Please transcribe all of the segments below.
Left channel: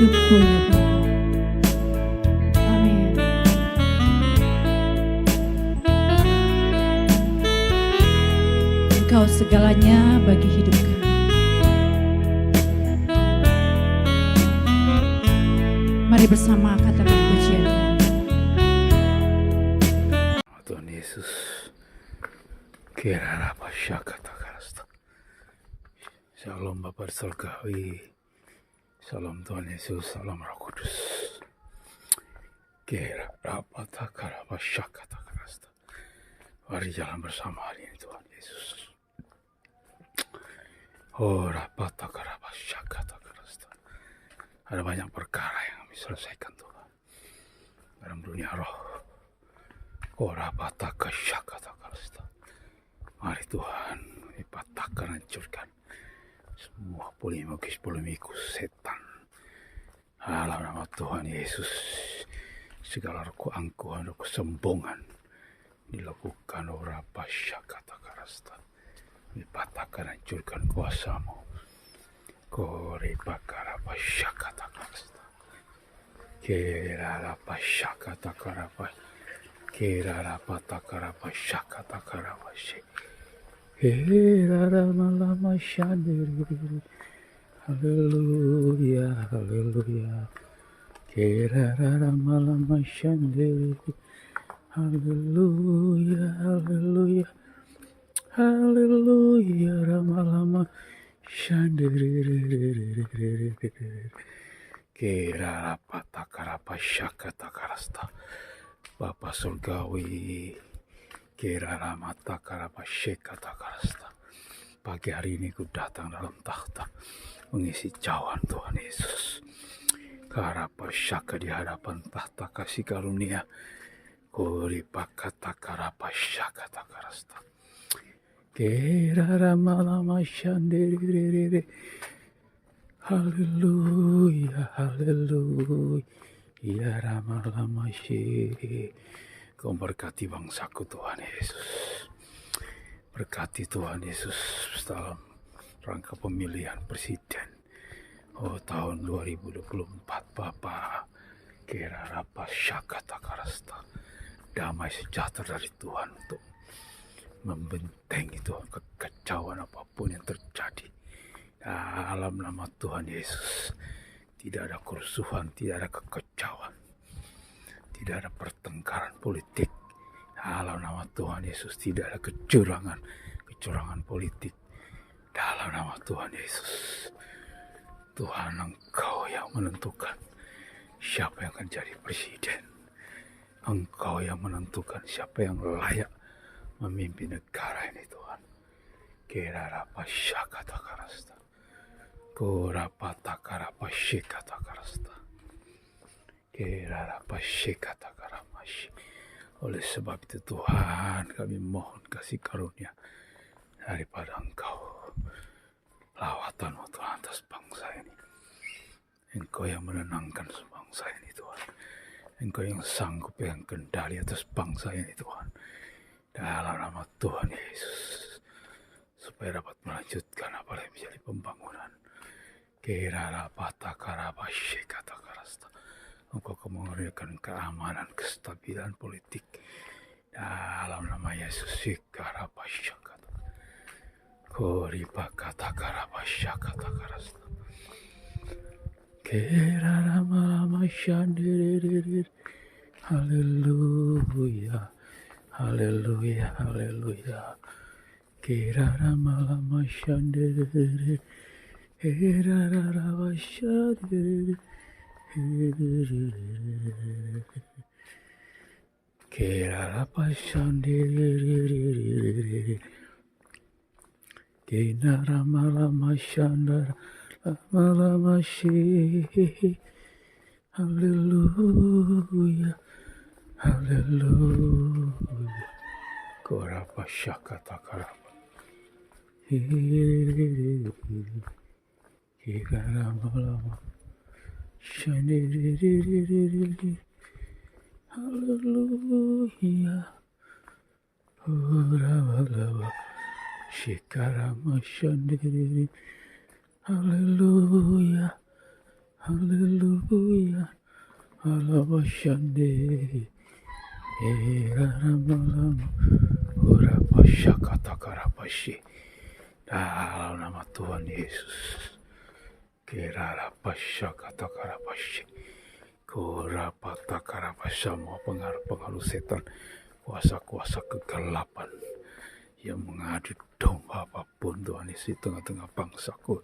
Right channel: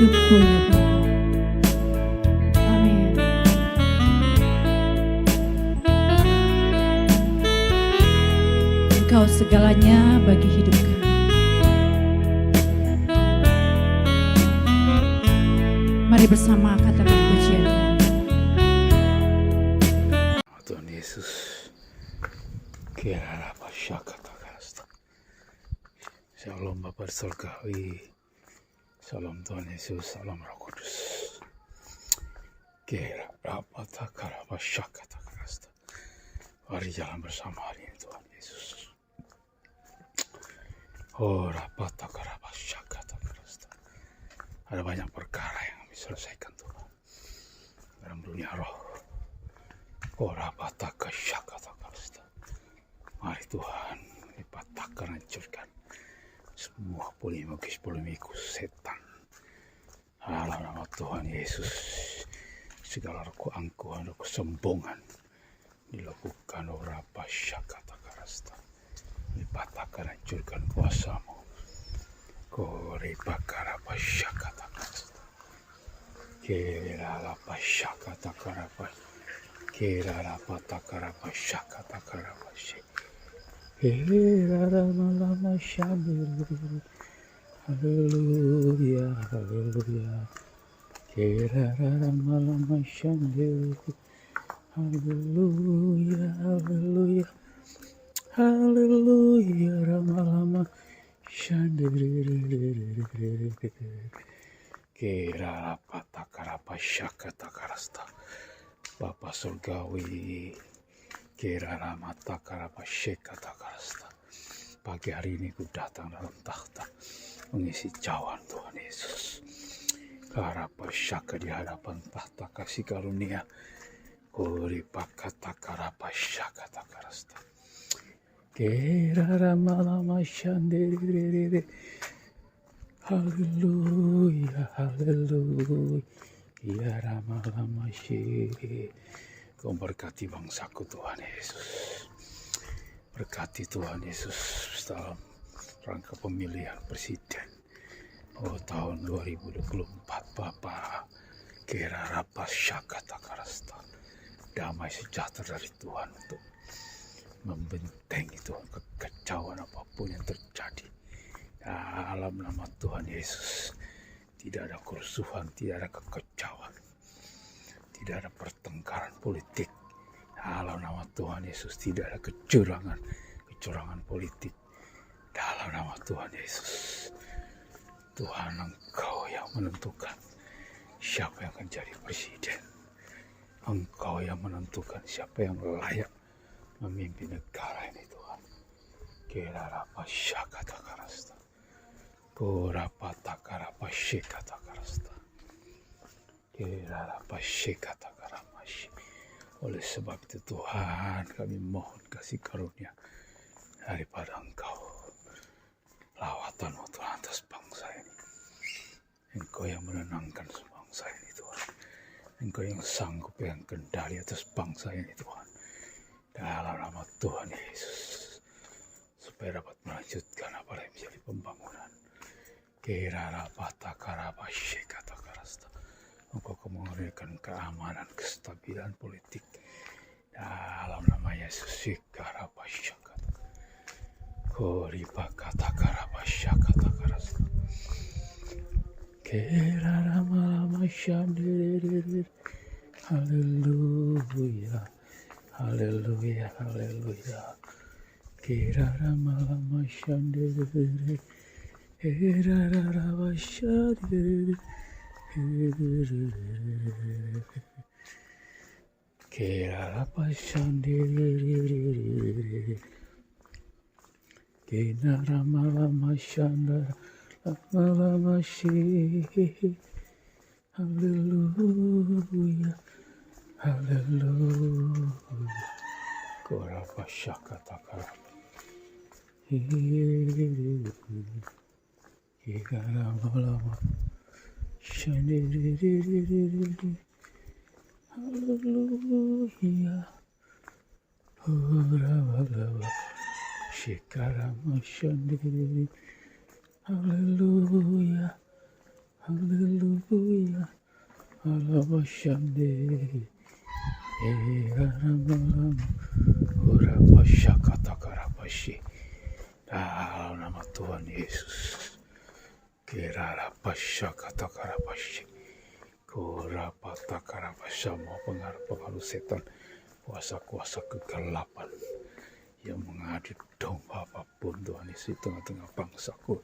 hidupku ya Bapa. Amin. Engkau segalanya bagi hidup kami. Mari bersama katakan pujian. Tuhan Yesus, kiranya kata kasta. Shalom Bapa Surgawi, Shalom Tuhan Yesus, Salam Roh Kudus. Kiranya kata kasta. Mari jalan bersama hari ini Tuhan Yesus. Oh rapata kata kasta. Ada banyak perkara yang kami selesaikan Tuhan dalam dunia roh. Ora pataka syakata karsta. Mari Tuhan, dipatahkan, hancurkan semua polemikus setan. Dalam nama Tuhan Yesus, segala keangkuhan, kesombongan dilakukan ora pasyakata karsta. Dipatahkan, hancurkan kuasamu. Kore pakara pasyakata karsta. Kira pasyakata karapa. Kirara patakara pasyakata karapashi. Kirara malama shandiri. Haleluya, haleluya. Kirara malama shandiri. Haleluya, haleluya. Haleluya, malama shandiri. Kirara patakara pasyakata karasta. Bapa Surgawi, kirana mata karapa syekata karasta. Pagi hari ini ku datang dalam tahta mengisi cawan Tuhan Yesus. Karapa syaka di hadapan tahta kasih karunia. Kuri pakata karapa syakata karasta. Kirana malama syandiri. Haleluya, haleluya. Ya Rama Syih. Kau berkati bangsaku Tuhan Yesus. Berkati Tuhan Yesus dalam rangka pemilihan presiden. Oh tahun 2024 Bapa. Kira rapas syakata karasta. Damai sejahtera dari Tuhan untuk membentengi Tuhan kekacauan apapun yang terjadi. Dalam nama Tuhan Yesus. Tidak ada kerusuhan, tidak ada kekacauan, tidak ada pertengkaran politik. Dalam nama Tuhan Yesus tidak ada kecurangan politik. Dalam nama Tuhan Yesus, Tuhan Engkau yang menentukan siapa yang akan jadi presiden. Engkau yang menentukan siapa yang layak memimpin negara ini Tuhan. Kira apa syakata karasta. Korapata karapashikata karasta. Kirarapashikata karamashi. Oleh sebab itu Tuhan kami mohon kasih karunia daripada Engkau. Lawatan Tuhan atas bangsa ini. Engkau yang menenangkan bangsa ini Tuhan. Engkau yang sanggup yang kendali atas bangsa ini Tuhan. Dalam nama Tuhan Yesus. Supaya dapat melanjutkan apa yang menjadi pembangunan. Kirara patakara pasyikata karasta. Engkau memberikan keamanan, kestabilan politik dalam nama Yesus. Sikara pasyakata. Kori pakata kara pasyakata karasta. Kirara malama shandiri. Haleluya, haleluya, haleluya. Kirara malama shandiri. Kira apa shandiri? Kina lama shandara lama shi. Haleluya, haleluya. Kora pasyakata karapa. Lama shandiri. Haleluya. Ora Shikarama shandiri. Haleluya. haleluya, alabashande, eramalama, urapasyakatakarapashi. Dalam nama Tuhan Yesus, kirarapasyakatakarapashi, kurapatakarapashi, semua pengaruh-pengaruh setan, kuasa-kuasa kegelapan yang mengadu domba apapun Tuhan Yesus di tengah-tengah bangsaku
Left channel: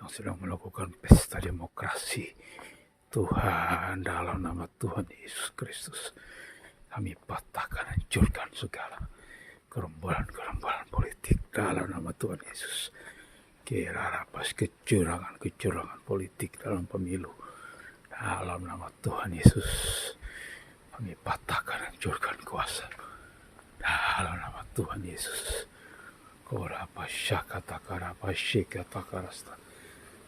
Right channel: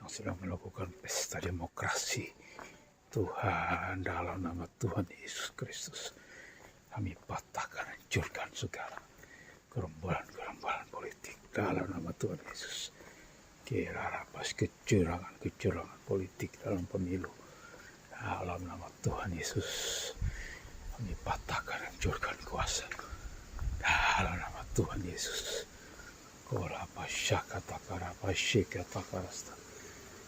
yang sedang melakukan pesta demokrasi. Tuhan, dalam nama Tuhan Yesus Kristus, kami patahkan, hancurkan segala gerombolan-gerombolan politik dalam nama Tuhan Yesus. Kirarapas kecurangan politik dalam pemilu dalam nama Tuhan Yesus. Kami patahkan, hancurkan kuasa dalam nama Tuhan Yesus. Korapashakatakarapashikatakaraста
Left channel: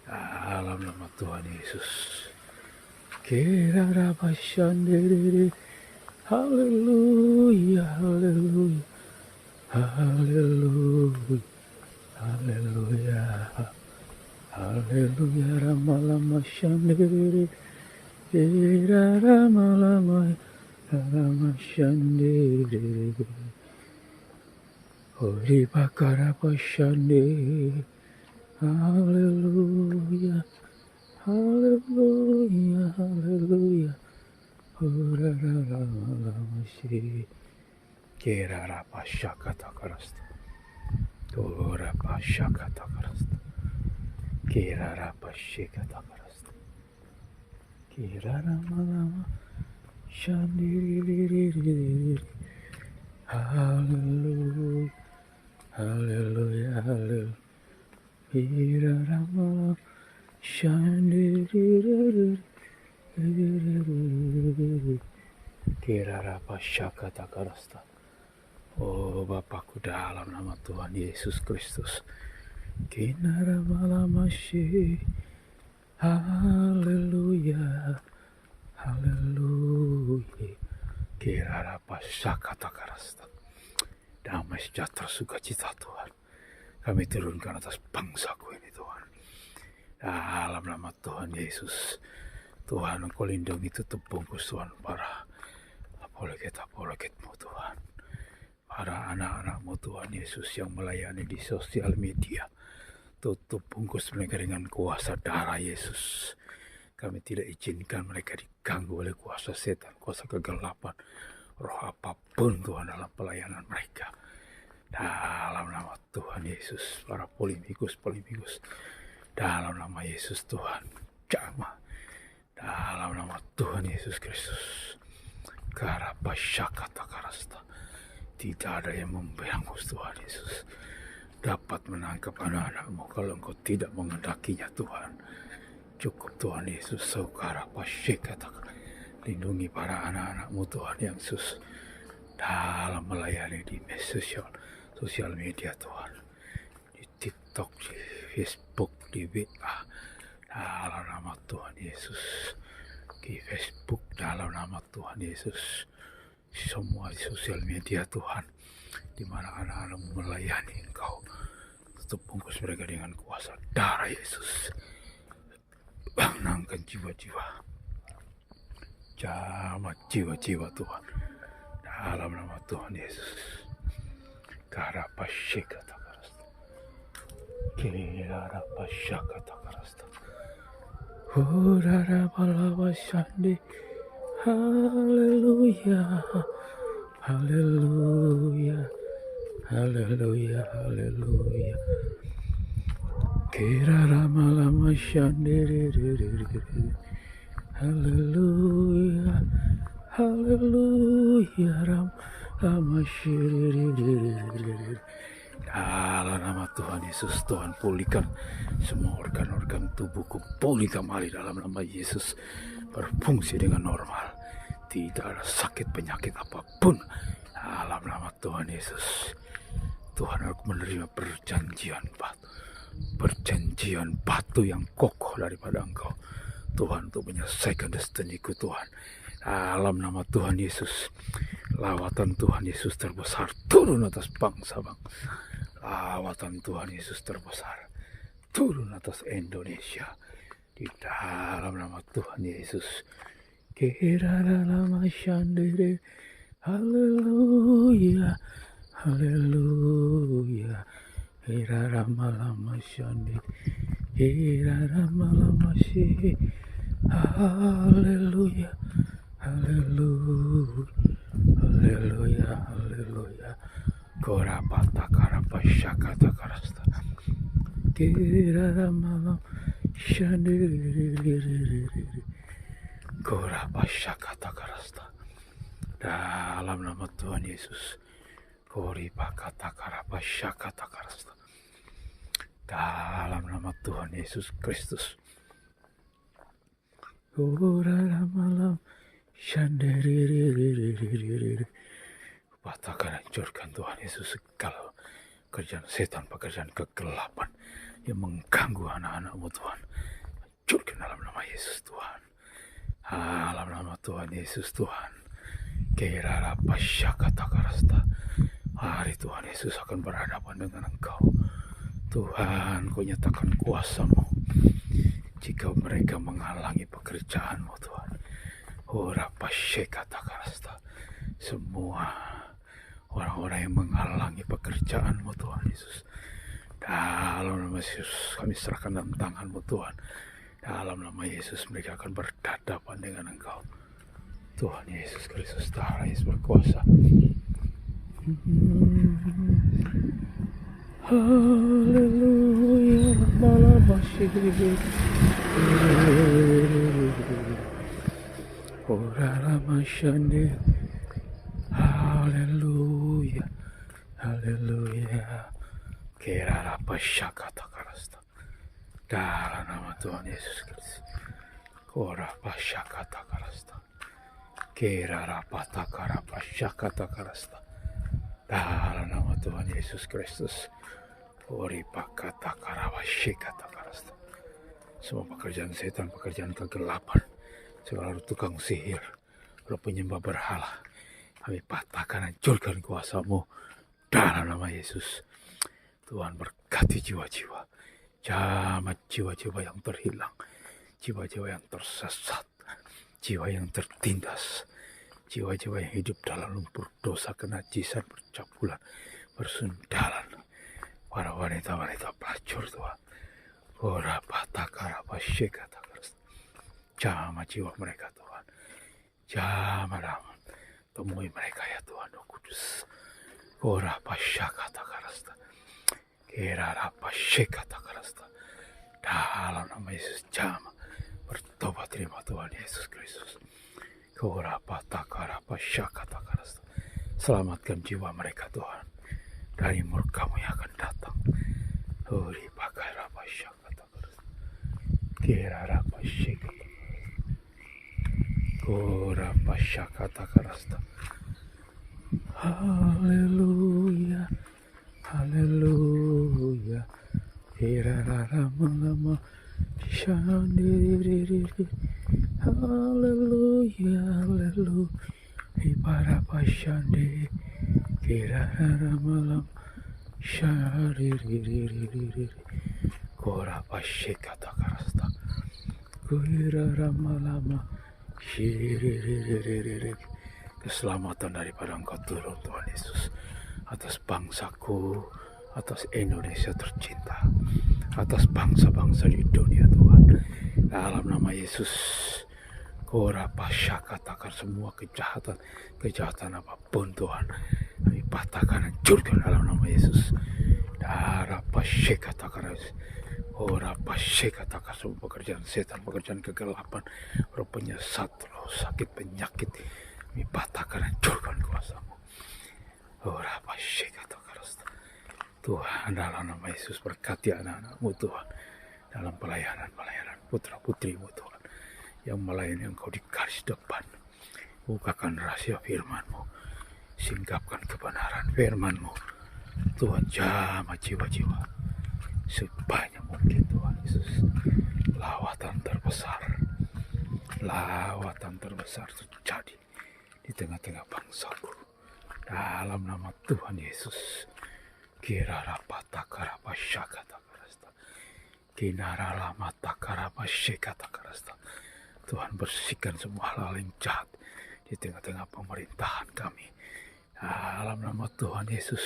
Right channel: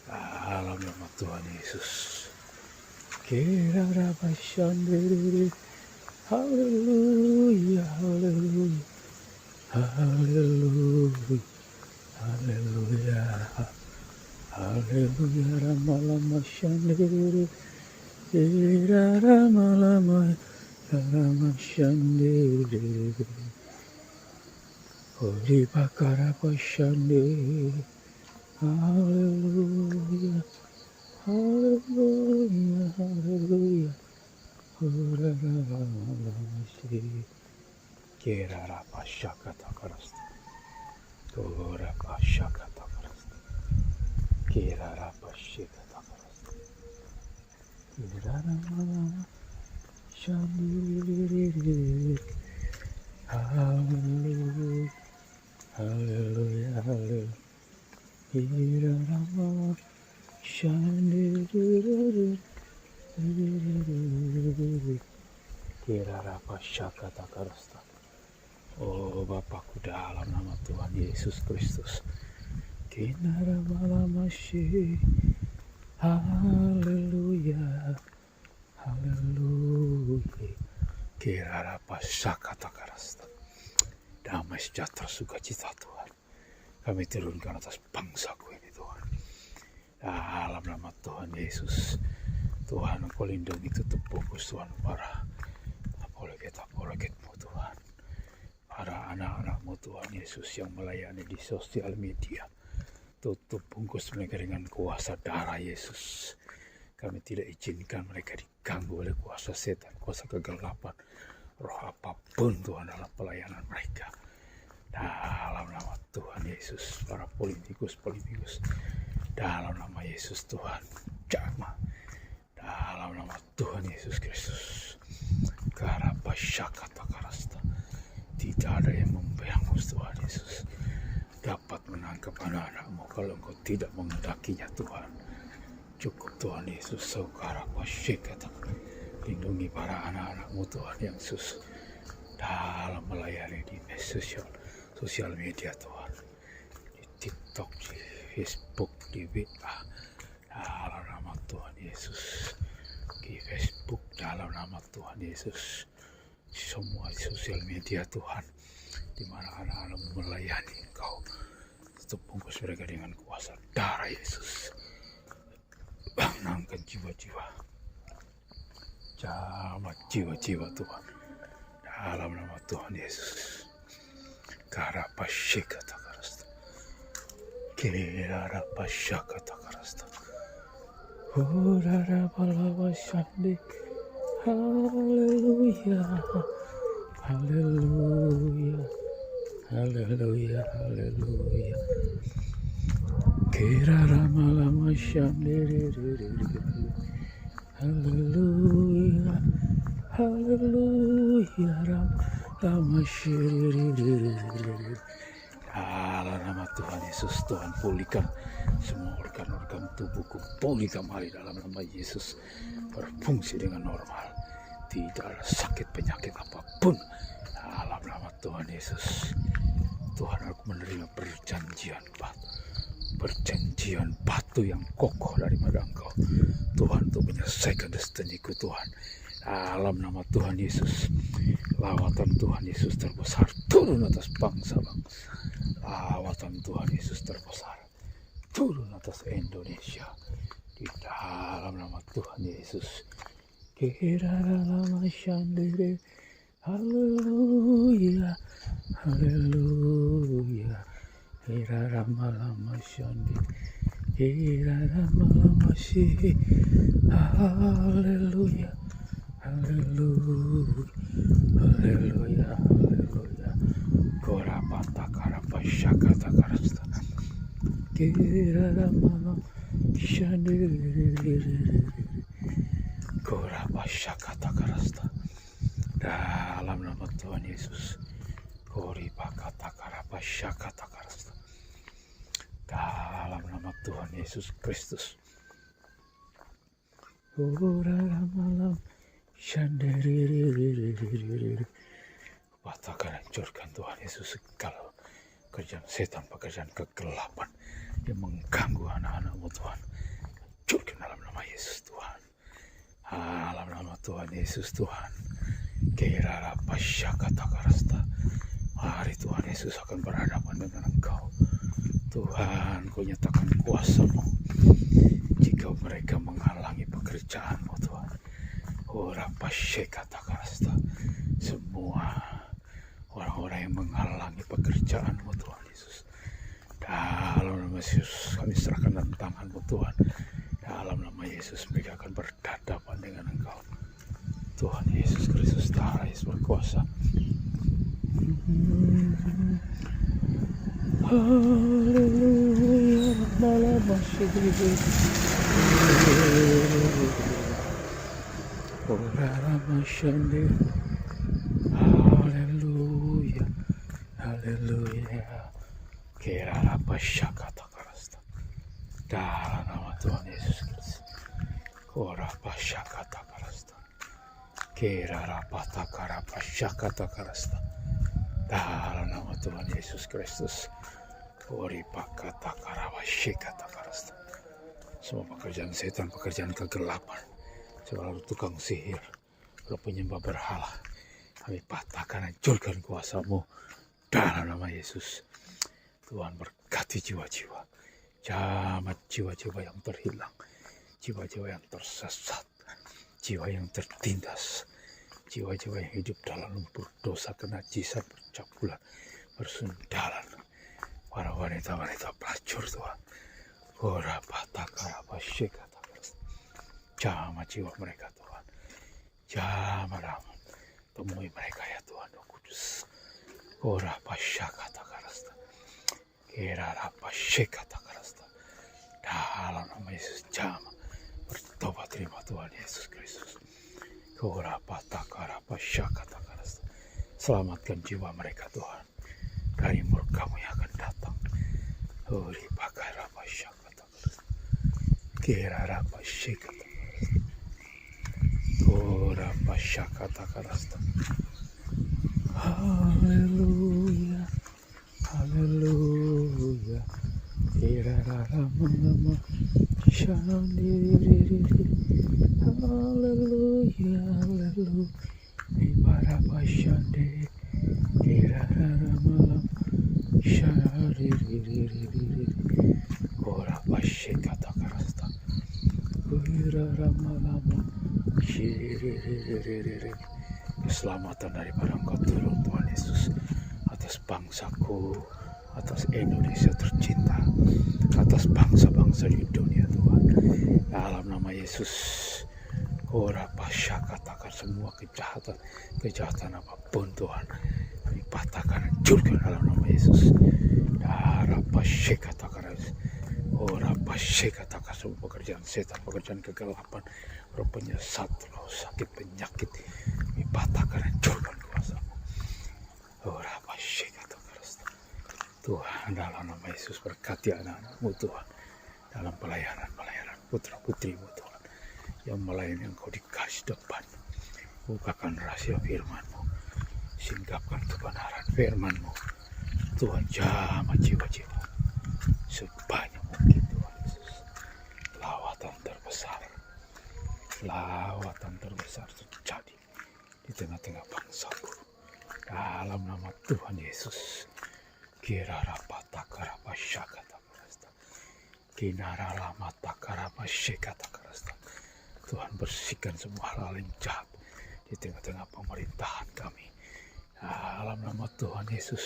dalam nama Tuhan Yesus. Kirarapashandiri. Haleluya, haleluya, haleluya, haleluya, haleluya, ramalama shandiri, ramalama, rama shandiri, Hori bakara pashandiri, haleluya, haleluya, haleluya. Kirarapashakatakarasta, Korapashakatakarasta, Kirarapashikatakarasta, Kiraramalama Shandiri. Hallelujah, hallelujah, hallelujah. Kiraramalama Shandiri. Kirarapashakatakarasta. Oh Bapakku, dalam nama Tuhan Yesus Kristus, Kinaramalamashi, haleluya, haleluya. Kirarapashakatakarasta. Damai sejahtera sukacita Tuhan kami turunkan atas bangsaku ini Tuhan, dalam nama Tuhan Yesus. Tuhan, Engkau lindungi, tutup bungkus Tuhan para apologet-apologetmu Tuhan, para anak-anakmu Tuhan Yesus yang melayani di sosial media. Tutup bungkus mereka dengan kuasa darah Yesus. Kami tidak izinkan mereka diganggu oleh kuasa setan, kuasa kegelapan, roh apapun Tuhan dalam pelayanan mereka. Dalam nama Tuhan Yesus, para politikus, dalam nama Yesus Tuhan, jamah. Dalam nama Tuhan Yesus Kristus, Karapashakatakarasta. Tidak ada yang membayangkan Tuhan Yesus dapat menangkap anak-anakmu kalau Engkau tidak mengendakinya Tuhan. Cukup Tuhan Yesus, Karapashakatakarasta. Lindungi para anak-anakmu Tuhan Yesus dalam melayani di sosial media Tuhan, di TikTok, di Facebook, di WA. Dalam nama Tuhan Yesus, di Facebook dalam nama Tuhan Yesus, semua sosial media Tuhan, di mana anak-anak melayani Engkau, tutup bungkus mereka dengan kuasa darah Yesus. Bangunkan jiwa-jiwa, jamah jiwa-jiwa Tuhan, dalam nama Tuhan Yesus. Karapashikatakarasta, Kirarapashakatakarasta. Urarabalabashandi. Hallelujah, hallelujah, hallelujah, hallelujah. Kiraramalabashandi. Hallelujah, hallelujah, ramashiri. Dalam nama Tuhan Yesus, Tuhan pulihkan semua organ-organ tubuhku, pulih kembali dalam nama Yesus, berfungsi dengan normal, tidak ada sakit penyakit apapun dalam nama Tuhan Yesus. Tuhan, aku menerima perjanjian batu yang kokoh daripada Engkau Tuhan, untuk menyelesaikan destiniku Tuhan. Dalam nama Tuhan Yesus, lawatan Tuhan Yesus terbesar turun atas bangsa-bangsa. Lawatan Tuhan Yesus terbesar turun atas Indonesia Di dalam nama Tuhan Yesus. Kira dalam shandere. Haleluya. Haleluya. Kira lama shandere. Kira lama sih. Haleluya. Haleluya. Haleluya. Haleluya. Korapata karapa syakata karasta. Kira malam shandiri. Korapa syakata karasta. Dalam nama Tuhan Yesus. Koripa kata karapa syakata karasta. Dalam nama Tuhan Yesus Kristus. Kora malam shandiri. Patahkan, hancurkan Tuhan Yesus segala kerjaan setan, pekerjaan kegelapan yang mengganggu anak-anak-Mu Tuhan. Hancurkan dalam nama Yesus Tuhan. Dalam nama Tuhan Yesus Tuhan. Kira pasya kata karasta. Hari Tuhan Yesus akan berhadapan dengan Engkau. Tuhan, Kau nyatakan kuasa-Mu jika mereka menghalangi pekerjaan-Mu Tuhan. Ora pasya kata karasta. Semua orang-orang yang menghalangi pekerjaan-Mu Tuhan Yesus, dalam nama Yesus kami serahkan dalam tangan-Mu Tuhan. Dalam nama Yesus mereka akan berhadapan dengan Engkau. Tuhan Yesus Kristus Tuhan Yesus berkuasa. Haleluya. Malam masih orang masyande. Haleluya, haleluya. Kira apa syakata karasta. Dalam nama Tuhan Yesus Kristus. Kora apa syakata karasta. Kira apa takara apa syakata karasta. Dalam nama Tuhan Yesus Kristus. Kori pakata karawa syakata karasta. Semua pekerjaan setan, pekerjaan kegelapan, segala tukang sihir, roh penyembah berhala, kami patahkan, hancurkan kuasa-Mu dalam nama Yesus. Tuhan berkati jiwa-jiwa, jamat jiwa-jiwa yang terhilang, jiwa-jiwa yang tersesat, jiwa yang tertindas, jiwa-jiwa yang hidup dalam lumpur dosa, kenajisan, percabulan, persundalan, para wanita-wanita pelacur Tuhan. Ora pataka apa syekata jamat jiwa mereka Tuhan, jamat dalam temui mereka ya Tuhan Roh Kudus. Ora pasyakata karasta. Kira apa syekata karasta. Dalam nama Yesus jama bertobat terima Tuhan Yesus Kristus. Ora pataka apa syakata karasta. Selamatkan jiwa mereka Tuhan dari murka-Mu yang akan datang. Ori pakai apa syakata karasta. Kira apa syekata. Ora pasyakata karasta. Haleluya, haleluya. Lama shandiri. Haleluya, haleluya. Ibara pasyande. Malam shandiri. Ora pasyakata karasta. Kira lama. Keselamatan daripada Engkau turun Tuhan Yesus atas bangsaku, atas Indonesia tercinta, atas bangsa-bangsa di dunia Tuhan. Dalam nama Yesus, Kora pasya katakan semua kejahatan apapun Tuhan, kami patahkan, hancurkan dalam nama Yesus. Darah pasya katakan Ora pasya katakan semua pekerjaan setan, pekerjaan kegelapan, roh penyesat, roh sakit, penyakit, kami patahkan, hancurkan kuasa-Mu. Ora pasya katakan Tuhan, dalam nama Yesus berkati anak-anak-Mu Tuhan, dalam pelayanan putra-putri-Mu Tuhan, yang melayani Engkau di garis depan. Bukakan rahasia firman-Mu, singkapkan kebenaran firman-Mu Tuhan, jamah jiwa-jiwa sebanyak mungkin Tuhan Yesus. Lawatan terbesar terjadi di tengah-tengah bangsaku dalam nama Tuhan Yesus. Kira rapata karapa syakata karasta. Kinara lama takara masyika takarasta. Tuhan bersihkan semua hal yang jahat di tengah-tengah pemerintahan kami. Dalam nama Tuhan Yesus.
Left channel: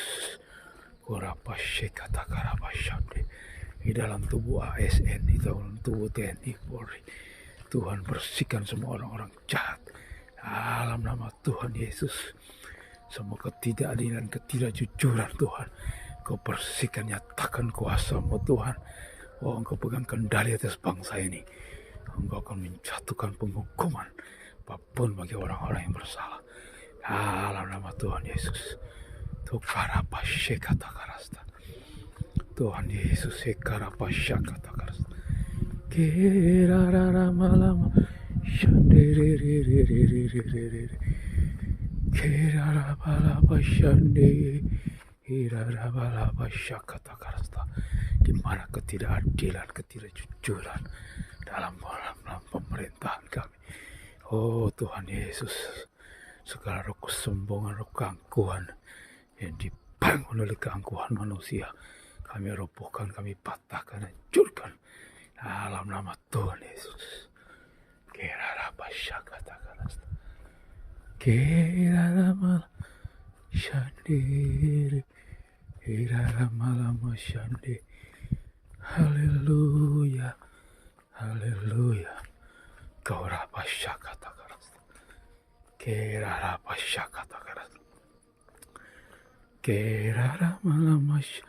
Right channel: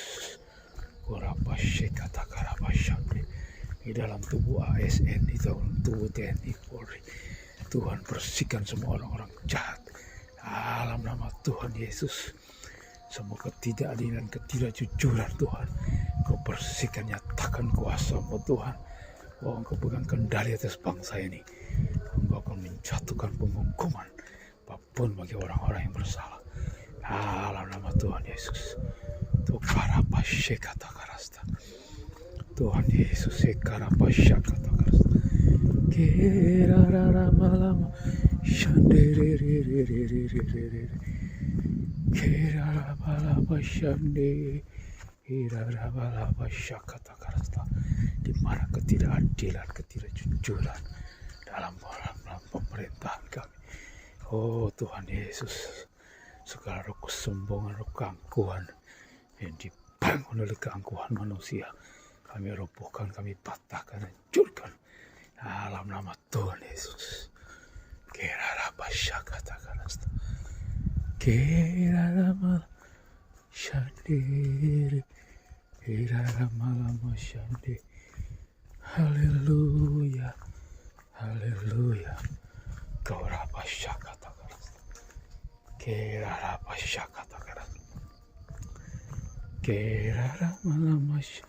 Kurapa syika takara masyande. Di dalam tubuh ASN, di dalam tubuh TNI Polri. Tuhan bersihkan semua orang-orang jahat. Dalam nama Tuhan Yesus. Semua ketidakadilan, ketidakjujuran Tuhan. Kau bersihkan, nyatakan kuasa-Mu Tuhan. Oh, Engkau pegang kendali atas bangsa ini. Engkau akan menjatuhkan penghukuman apapun bagi orang-orang yang bersalah. Dalam nama Tuhan Yesus. Tuhan Yesus sekarapashakatakarasta. Kerararamalama shandererererererer. Kerarabalabashande. Irarabalabashakatakarasta. Di mana ketidakadilan, ketidakjujuran dalam pemerintahan kami. Oh Tuhan Yesus, segala roh kesombongan, roh keangkuhan yang dibangun oleh keangkuhan manusia, kami robohkan, kami patahkan, hancurkan dalam nama Tuhan Yesus. Kerarabashakatakarasta. Keraramalashande. Keraramalashande. Haleluya, haleluya. Kaurabashakatakarasta. Kerarabashakatakarasta. Keraramalamash.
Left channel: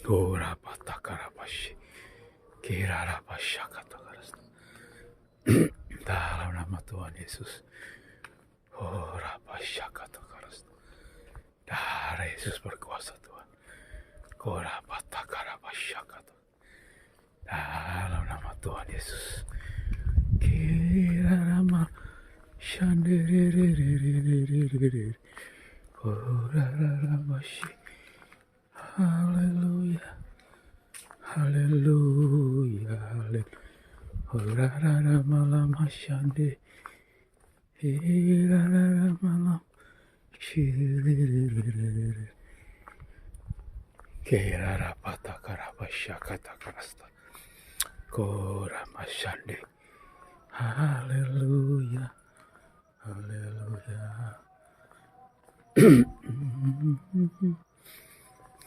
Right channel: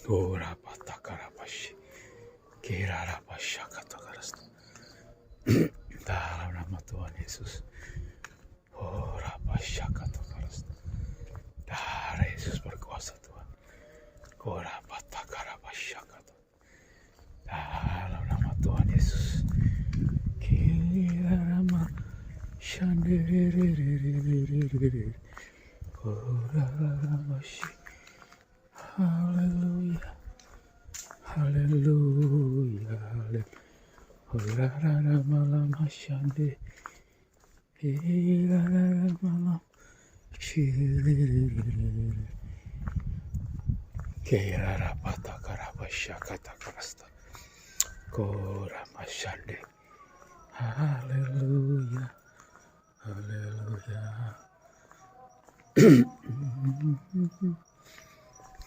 Kaurabatakarabashi. Kerarabashakatakarasta. Dalam nama Tuhan Yesus. Kaurabashakatakarasta. Darah Yesus berkuasa Tuhan. Kaurabatakarabasyakata. Dalam nama Tuhan Yesus. Kirarama shandererererererer. Kaurararabashi. Haleluya. Haleluya. Kaurararamalama shande. Kirararamalam. Kerarapatakarabashakatakarasta. Koramashande. Haleluya. Haleluya.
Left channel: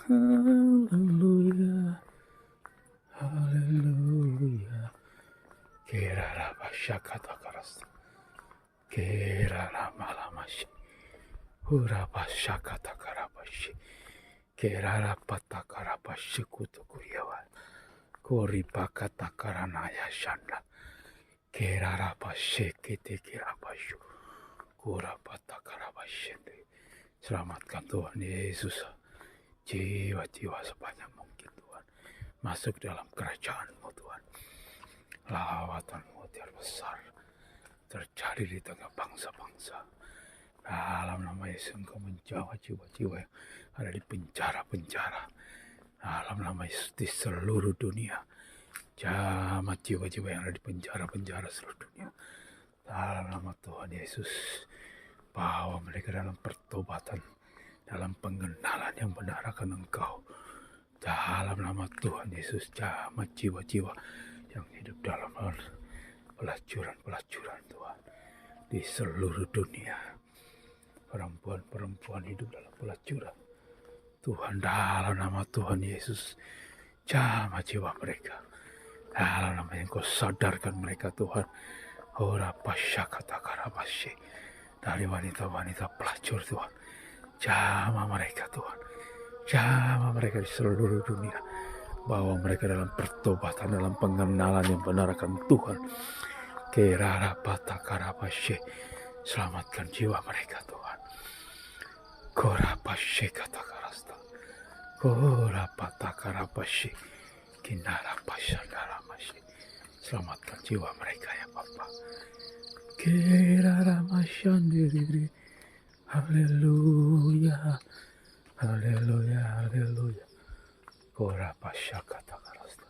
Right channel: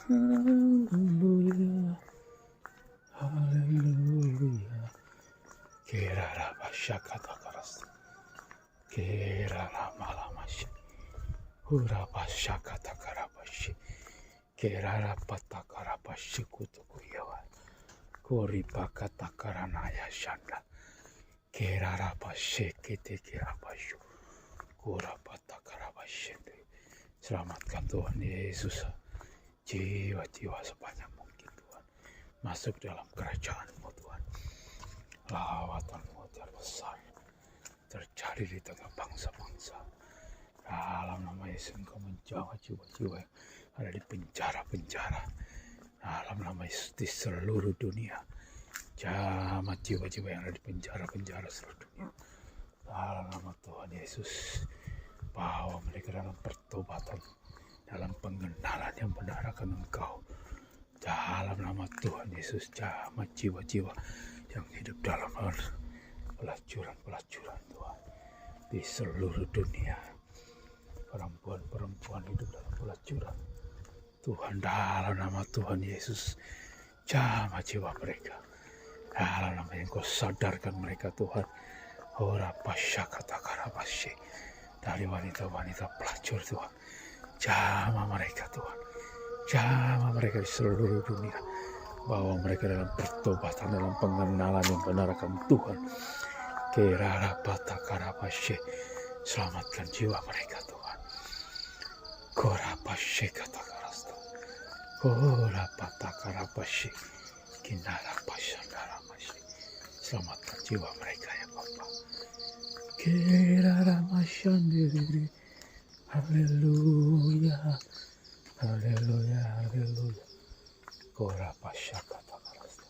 Haleluya. Haleluya. Kerarabashakatakarasta. Keraramalamashi. Urabashakatakarabashi. Kerarapatakarabashikutukuyawa. Koripakatakaranaya shanda. Kerarabashiketekirabashu. Kurapatakarabashende. Selamatkan Tuhan Yesus jiwa-jiwa sebanyak mungkin Tuhan. Masuk dalam kerajaan-Mu Tuhan. Lawatan-Mu yang besar terjadi di tengah bangsa-bangsa. Dalam nama Yesus Engkau menjawab jiwa-jiwa yang ada di penjara-penjara. Dalam nama Yesus di seluruh dunia. Jamah jiwa-jiwa yang ada di penjara-penjara seluruh dunia. Dalam nama Tuhan Yesus. Bawa mereka dalam pertobatan. Dalam pengenalan yang benar akan Engkau. Dalam nama Tuhan Yesus. Jamah jiwa-jiwa yang hidup dalam pelacuran-pelacuran Tuhan. Di seluruh dunia. Perempuan-perempuan hidup dalam pelacuran. Tuhan, dalam nama Tuhan Yesus, jamah jiwa mereka. Dalam nama yang Kau sadarkan mereka Tuhan. Orapashakatakarabashe. Dari wanita-wanita pelacur Tuhan. Jamah mereka Tuhan. Jamah mereka di seluruh dunia. Bawa mereka dalam pertobatan, dalam pengenalan yang benar akan Tuhan. Kerarapatakarabashe. Selamatkan jiwa mereka Tuhan. Korapashekatakarasta. Korapatakarabashe. Kinarapashandaramashi. Selamatkan jiwa mereka ya Bapa. Keraramashandiri. Haleluya. Haleluya. Haleluya. Korapashakatakarasta.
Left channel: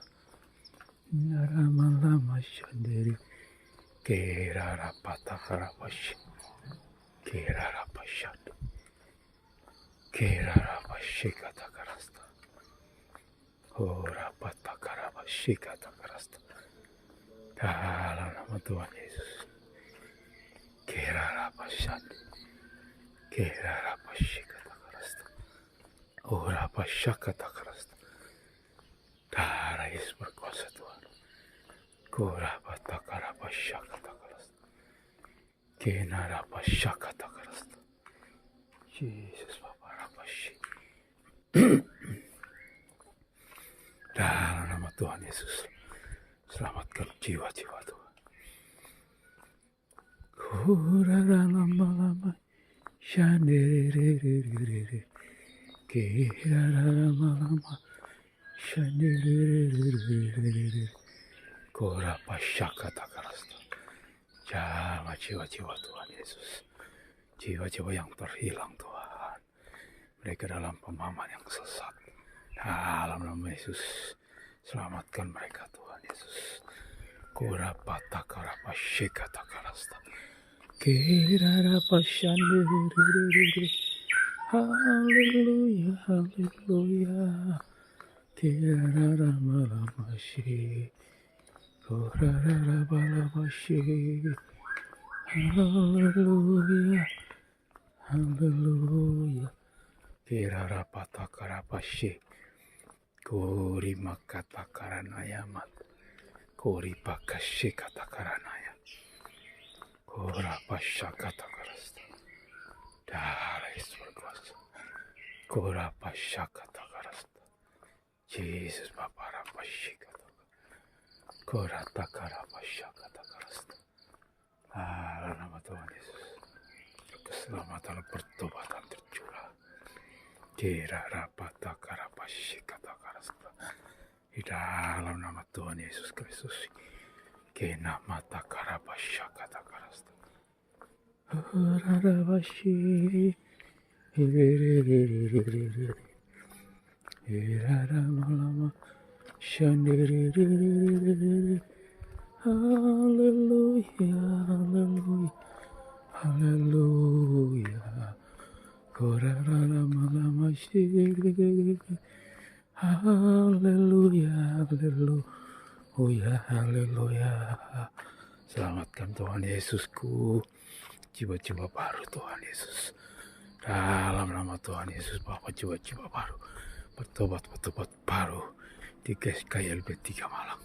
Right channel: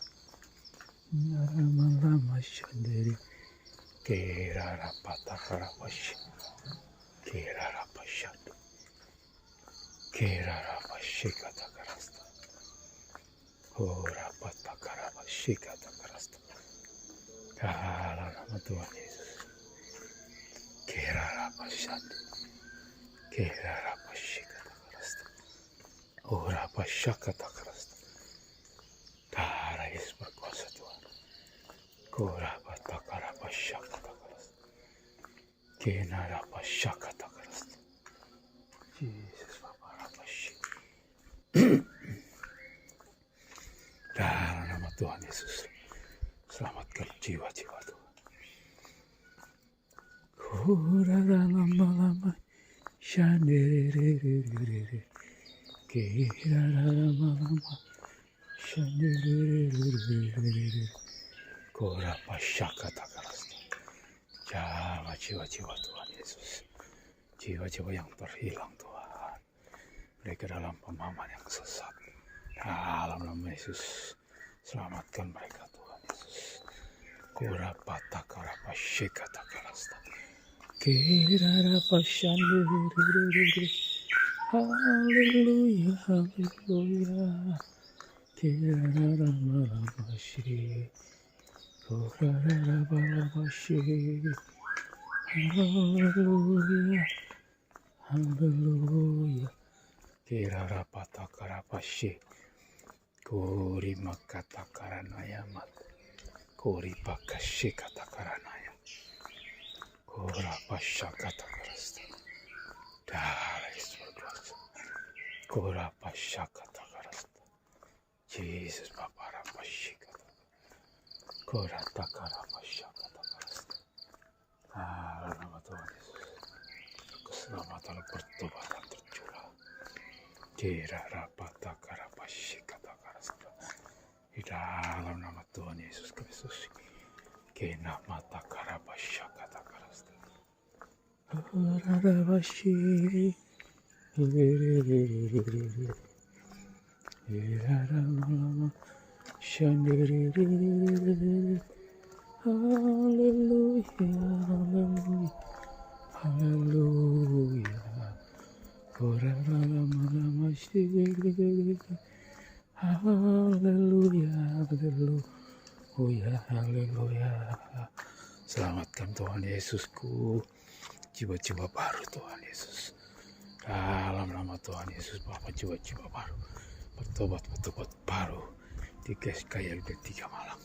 Naramalama-shandiri. Kerarapatakarabashe. Kerarapashadu. Kerarapashekatakarasta. Ora patakara shikata karasta. Dalam nama Tuhan Yesus. Kira apa syadi. Kira apa shikata karasta. Ora apa syakata karasta. Darah Yesus berkuasa Tuhan. Kora patakara apa syakata karasta. Kena apa syakata karasta. Yesus Bapa apa syikata. Dalam nama Tuhan Yesus, selamatkan jiwa-jiwa Tuhan. Kura lama-lama, shandiriri, kira lama-lama, shandiriri, kura pasyakata karasta. Jawa jiwa-jiwa Tuhan Yesus, jiwa-jiwa yang terhilang Tuhan. Mereka dalam pemahaman yang sesat. Dalam nama Yesus, selamatkan mereka Tuhan Yesus. Kura patakara pasyikata karasta. Kira pasyandiriri. Haleluya, haleluya. Kira ramalamashi. Kura ramalamashi. Haleluya, haleluya. Kira patakara pasyik. Kori makata karanaya mat, kori pakashe kata karanaya, kora pasha kata karasta, darah Yesus berkuasa, kora pasha kata karasta, Yesus Bapa pasha kata, kora takara pasha kata karasta. Dalam nama Tuhan Yesus, keselamatan pertobatan tercurah. Kira rapata karapashe kata karasta. Di dalam nama Tuhan Yesus Kristus. Kena mata karapasha kata karasta. Karapashe. Lama shandiriri. Haleluya, haleluya, haleluya. Haleluya, haleluya, haleluya. Selamatkan Tuhan Yesusku, jiwa-jiwa baru Tuhan Yesus. Dalam nama Tuhan Yesus Bapa, jiwa-jiwa baru, bertobat baru di GSKY 3 Malang.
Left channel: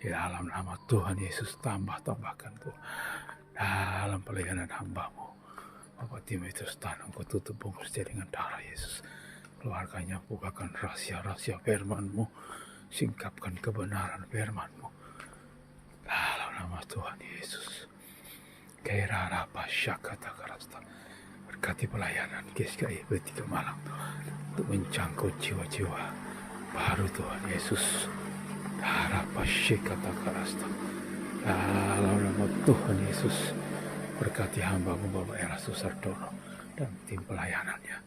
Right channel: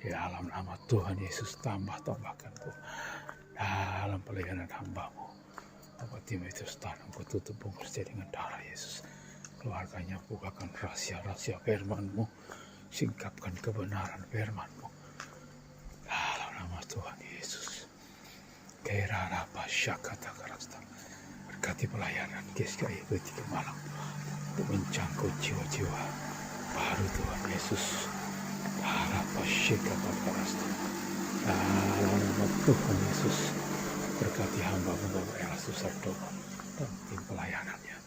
Di dalam nama Tuhan Yesus, tambahkan Tuhan dalam pelayanan hamba-Mu. Bapak Timotius tanam kau tutup bungkus dengan darah Yesus. Keluarganya bukakan rahasia-rahasia firman-Mu. Singkapkan kebenaran firman-Mu. Dalam nama Tuhan Yesus. Kira apa syakata karasta. Berkati pelayanan GSKY 3 Malang. Untuk menjangkau jiwa-jiwa baru Tuhan Yesus. Apa syakata karasta. Dalam nama Tuhan Yesus. Berkati hamba-Mu Bapak Erastus Sardono dan tim pelayanannya.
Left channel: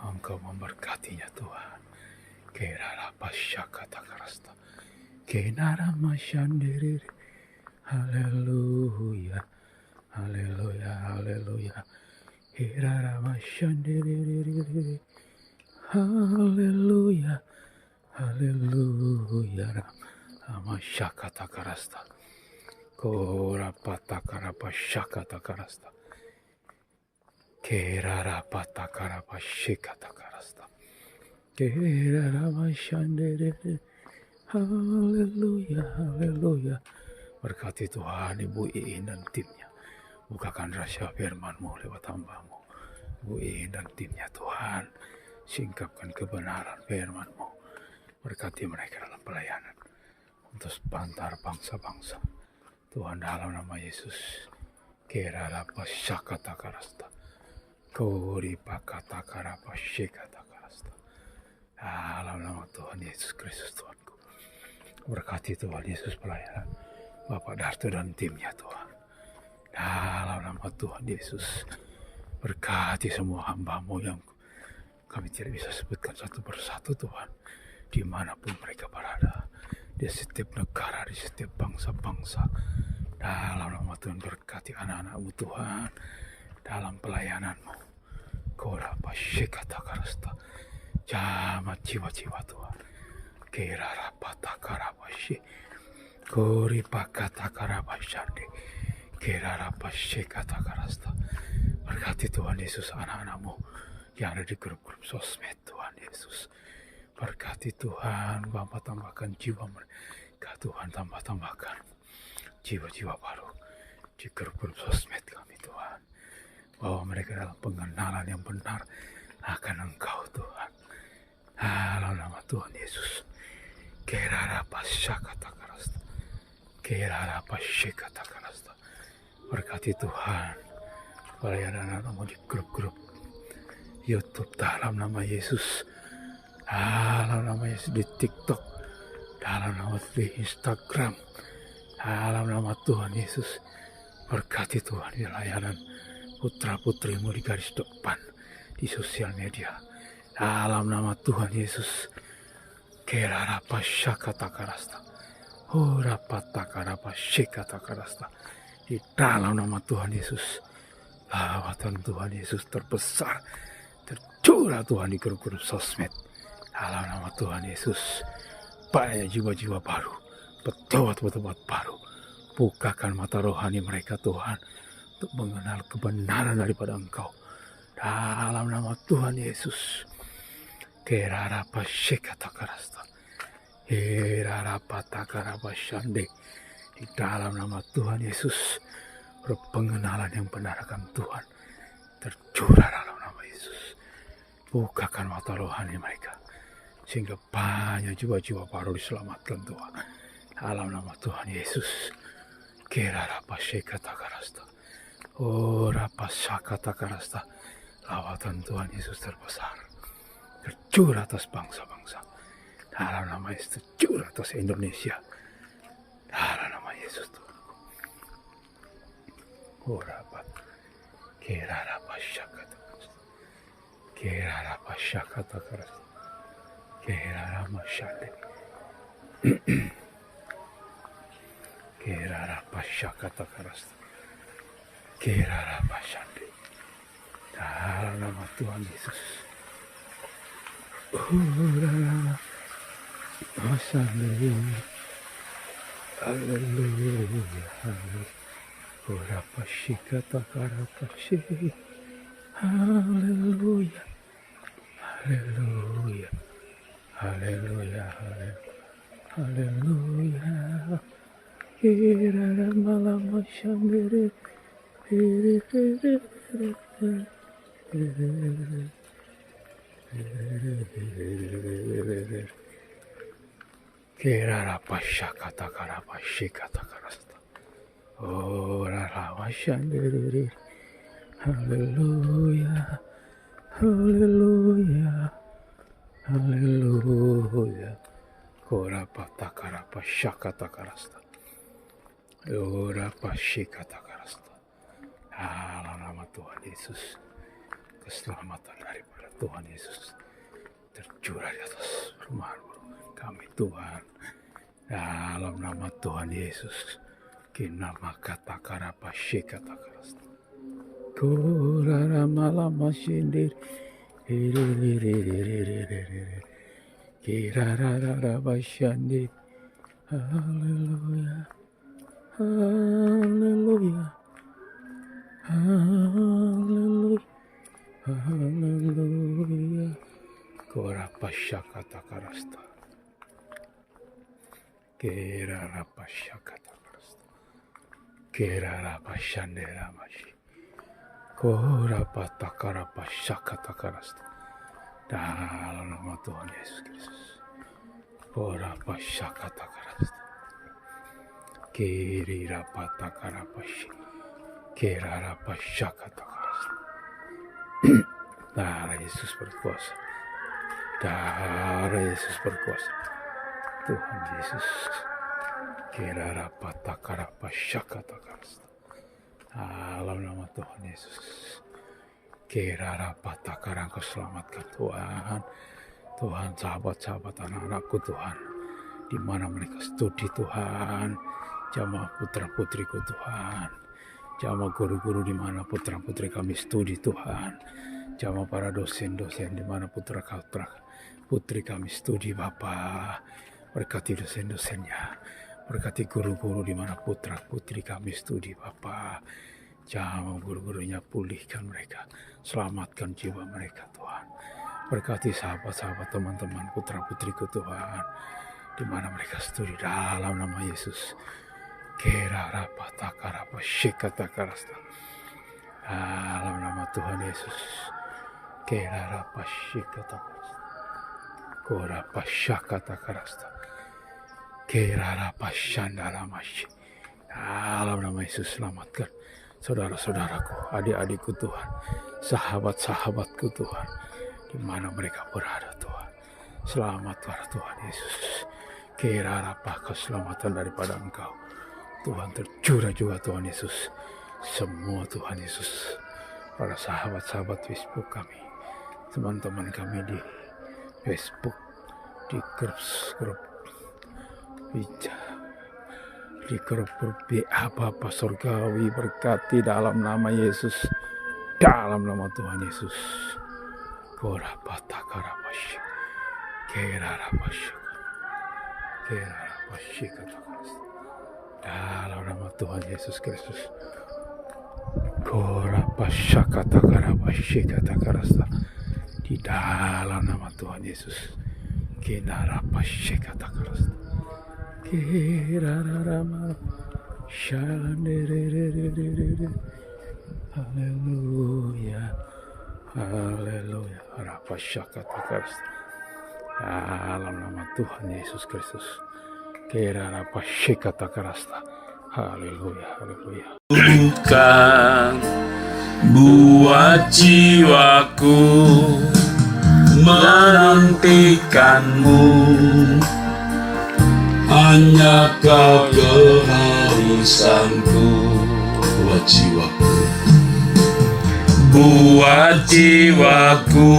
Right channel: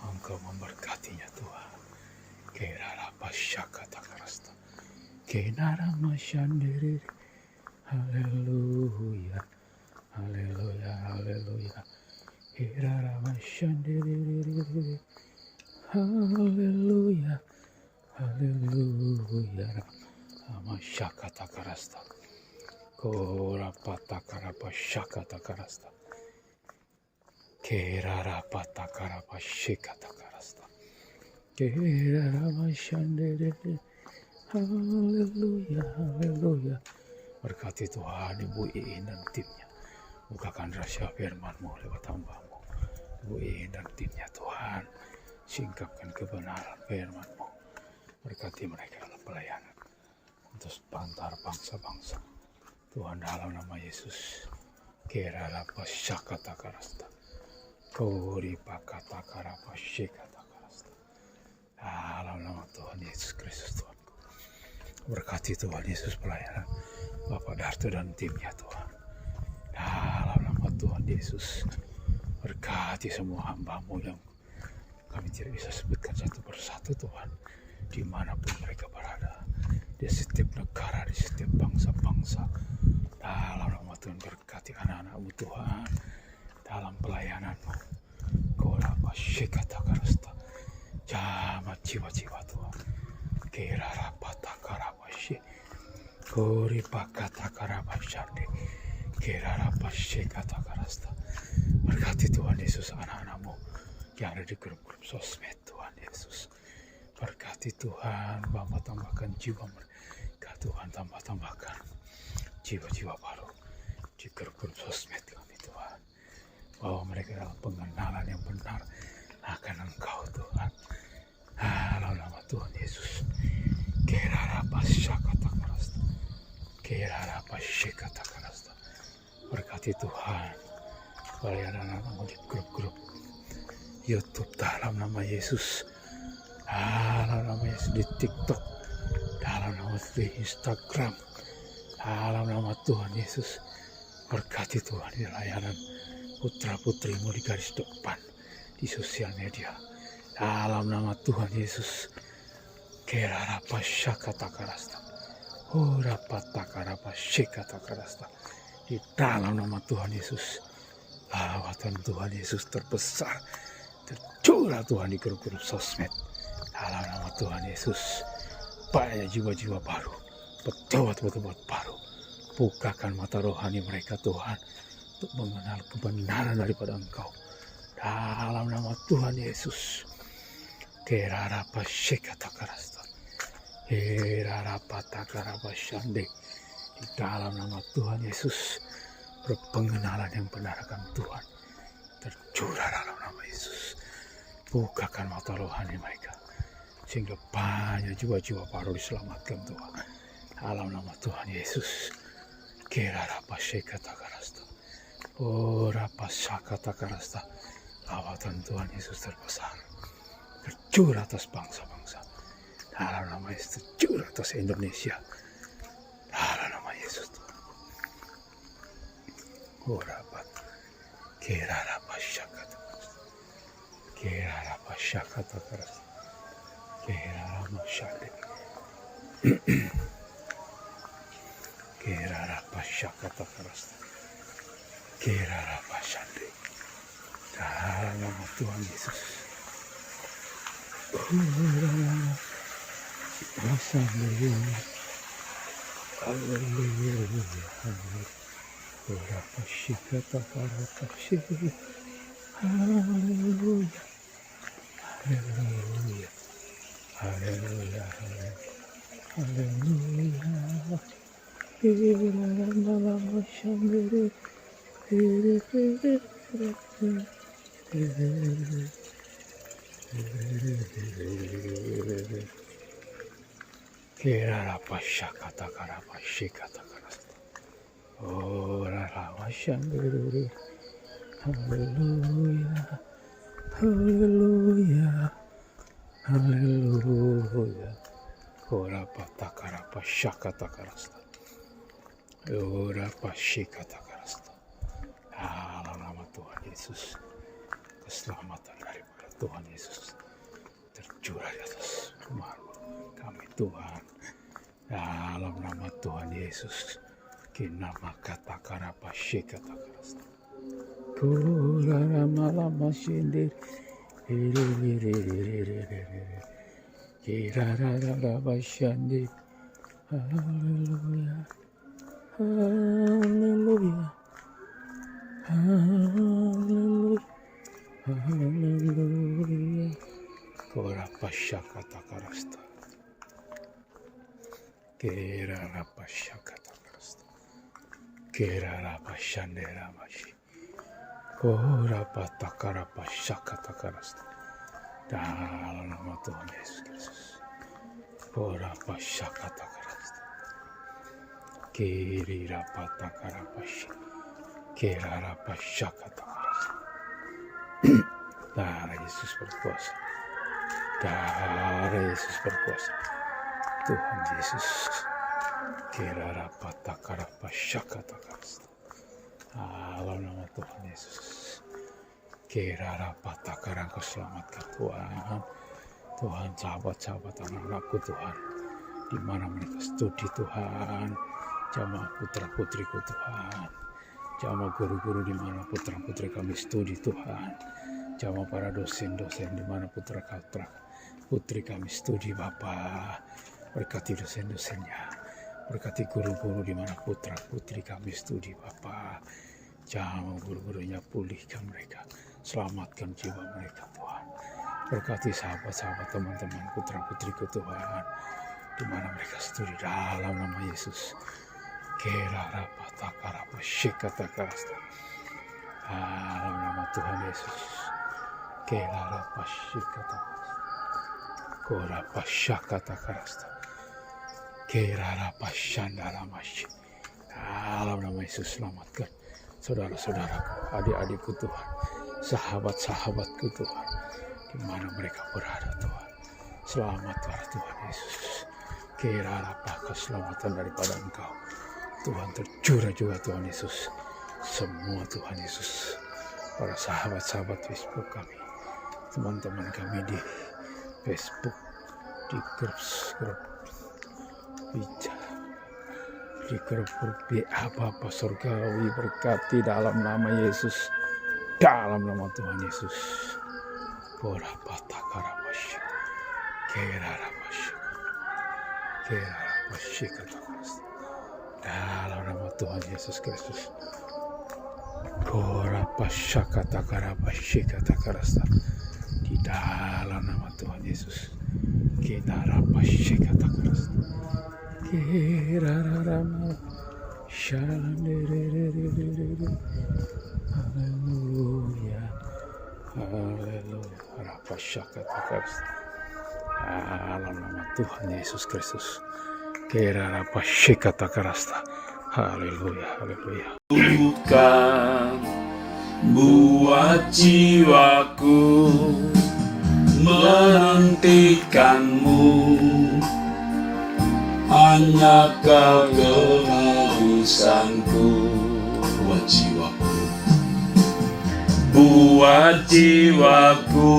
Engkau memberkatinya Tuhan. Kira pasyakata karasta. Kenara masyandiriri. Haleluya. Haleluya. Haleluya. Kira masyandiriri. Haleluya. Haleluya. Masyakata karasta. Kora patakara pasyakata karasta. Kera patakara pasyakata karasta. Kera masyandiriri. Haleluya, haleluya. Berkati Tuhan Ibu Iin dan timnya. Bukakan rahasia firman-Mu lewat hamba-Mu. Ibu Iin dan timnya Tuhan. Singkapkan kebenaran firman-Mu. Berkati mereka dalam pelayanan. Untuk sepantar bangsa-bangsa. Tuhan dalam nama Yesus. Kera pasyakata karasta. Kori pakata karapa syekata karasta. Dalam nama Tuhan Yesus Kristus Tuhanku. Berkati Tuhan Yesus pelayanan Bapak Darto dan timnya Tuhan. Dalam nama Tuhan Yesus. Berkati semua hamba-Mu yang kami tidak bisa sebutkan satu persatu Tuhan. Dimanapun mereka berada. Di setiap negara, di setiap bangsa-bangsa. Dalam nama Tuhan berkati anak-anak-Mu Tuhan. Dalam pelayanan-Mu. Kora pasyakata karasta. Jamat jiwa-jiwa Tuhan. Kerarapatakarabashe. Koripakatakarabashande. Kerarapashekatakarasta. Berkati Tuhan Yesus anak-anakmu yang ada di grup-grup sosmed Tuhan Yesus. Berkati Tuhan, Bapa tambahkan jiwa mereka. Tuhan tambahkan jiwa-jiwa baru di grup-grup sosmed kami Tuhan. Bahwa mereka dalam pengenalan yang benar akan Engkau Tuhan. Dalam nama Tuhan Yesus. Kerarapashakatakarasta. Kerarapashekatakarasta. Berkati Tuhan pelayanan anak-anakmu di grup-grup YouTube dalam nama Yesus. Dalam nama Yesus di TikTok. Dalam nama di Instagram. Dalam nama Tuhan Yesus. Berkati Tuhan di layanan putra-putrimu di garis depan di sosial media. Dalam nama Tuhan Yesus. Kerarapashakatakarasta. Orapatakarapashekatakarasta. Di dalam nama Tuhan Yesus. Lawatan Tuhan Yesus terbesar tercurah Tuhan di grup-grup sosmed. Dalam nama Tuhan Yesus. Banyak jiwa-jiwa baru. Pejabat-pejabat baru. Bukakan mata rohani mereka Tuhan. Untuk mengenal kebenaran daripada Engkau. Dalam nama Tuhan Yesus. Kerarapashekatakarasta. Kerarapatakarabashande. Di dalam nama Tuhan Yesus. Berpengenalan yang benar akan Tuhan. Tercurah dalam nama Yesus. Bukakan mata rohani mereka. Sehingga banyak jiwa-jiwa baru diselamatkan Tuhan. Dalam nama Tuhan Yesus. Kerarapashekatakarasta. Orapashakatakarasta. Lawatan Tuhan Yesus terbesar. Tercurah atas bangsa-bangsa. Dalam nama Yesus. Tercurah atas Indonesia. Dalam nama Yesus Tuhan. Orapat. Kerarapashakatakarasta. Kerarapashakatakarasta. Kerarapashande. Kerarapashakatakarasta. Kerarapashande. Dalam nama Tuhan Yesus. Kerarapashande. Haleluya. Orapashikatakarapashe. Haleluya. Haleluya. Haleluya. Haleluya. Kerarapashande. Kerarapashakatakarapashekatakarasta. Orarapashande. Haleluya. Haleluya. Haleluya. Orapatakarapashakatakarasta. Orapashekatakarasta. Dalam nama Tuhan Yesus. Keselamatan daripada Tuhan Yesus tercurah di atas rumah kami Tuhan. Dalam nama Tuhan Yesus. Kinama katakarapashekatakarasta. Koraramalamasyende. Kirarararabashande. Haleluya. Haleluya. Haleluya. Haleluya. Korapashakatakarasta. Kerarapashakatakarasta. Kerarapashanderamashi. Korapatakarapashakatakarasta. Dalam nama Tuhan Yesus Kristus. Korapashakatakarasta. Kirirapatakarapashe. Kerarapashakatakarasta. Darah Yesus berkuasa. Darah Yesus berkuasa. Tuhan Yesus. Kerarapatakarapashakatakarasta. Dalam nama Tuhan Yesus. Kerarapatakarang keselamatkan Tuhan. Tuhan, sahabat-sahabat anak-anakku Tuhan. Di mana mereka studi Tuhan. Jamaah putra-putriku Tuhan. Jamaah guru-guru di mana putra-putri kami studi Tuhan. Jamaah para dosen-dosen di mana putra-putra putri kami studi Bapa, berkati dosen-dosennya, berkati guru-guru di mana putra putri kami studi Bapa, jamah guru-gurunya, pulihkan mereka, selamatkan jiwa mereka Tuhan, berkati sahabat-sahabat teman-teman putra putriku Tuhan, di mana mereka studi dalam nama Yesus. Kera rapata karapa shikata karasta, dalam nama Tuhan Yesus. Kera rapa shikata kora pasyakata karasta, kera rapa shandala masyi. Dalam nama Yesus selamatkan saudara-saudaraku, adik-adikku Tuhan, sahabat-sahabatku Tuhan, di mana mereka berada Tuhan. Selamat Tuhan Yesus. Kira apa keselamatan daripada Engkau Tuhan tercurah juga Tuhan Yesus. Semua Tuhan Yesus, para sahabat-sahabat Facebook kami, teman-teman kami di Facebook, di grup bicara, di grup BA Bapa Surgawi, berkati dalam nama Yesus, dalam nama Tuhan Yesus. Kora patakarabash, kera rabash, kera rabash katakas. Dalam nama Tuhan Yesus Kristus. Kora pasyakata karabash katakarasta. Di dalam nama Tuhan Yesus. Kera rabash katakarasta. Kera rama shandererererere. Haleluya. Haleluya. Rapasyakatakarasta. Dalam nama Tuhan Yesus Kristus. Kera rapasyakatakarasta. Haleluya. Haleluya. Bukan buat jiwaku menantikanmu, hanya Kau kehausanku. Buat jiwaku, buat jiwaku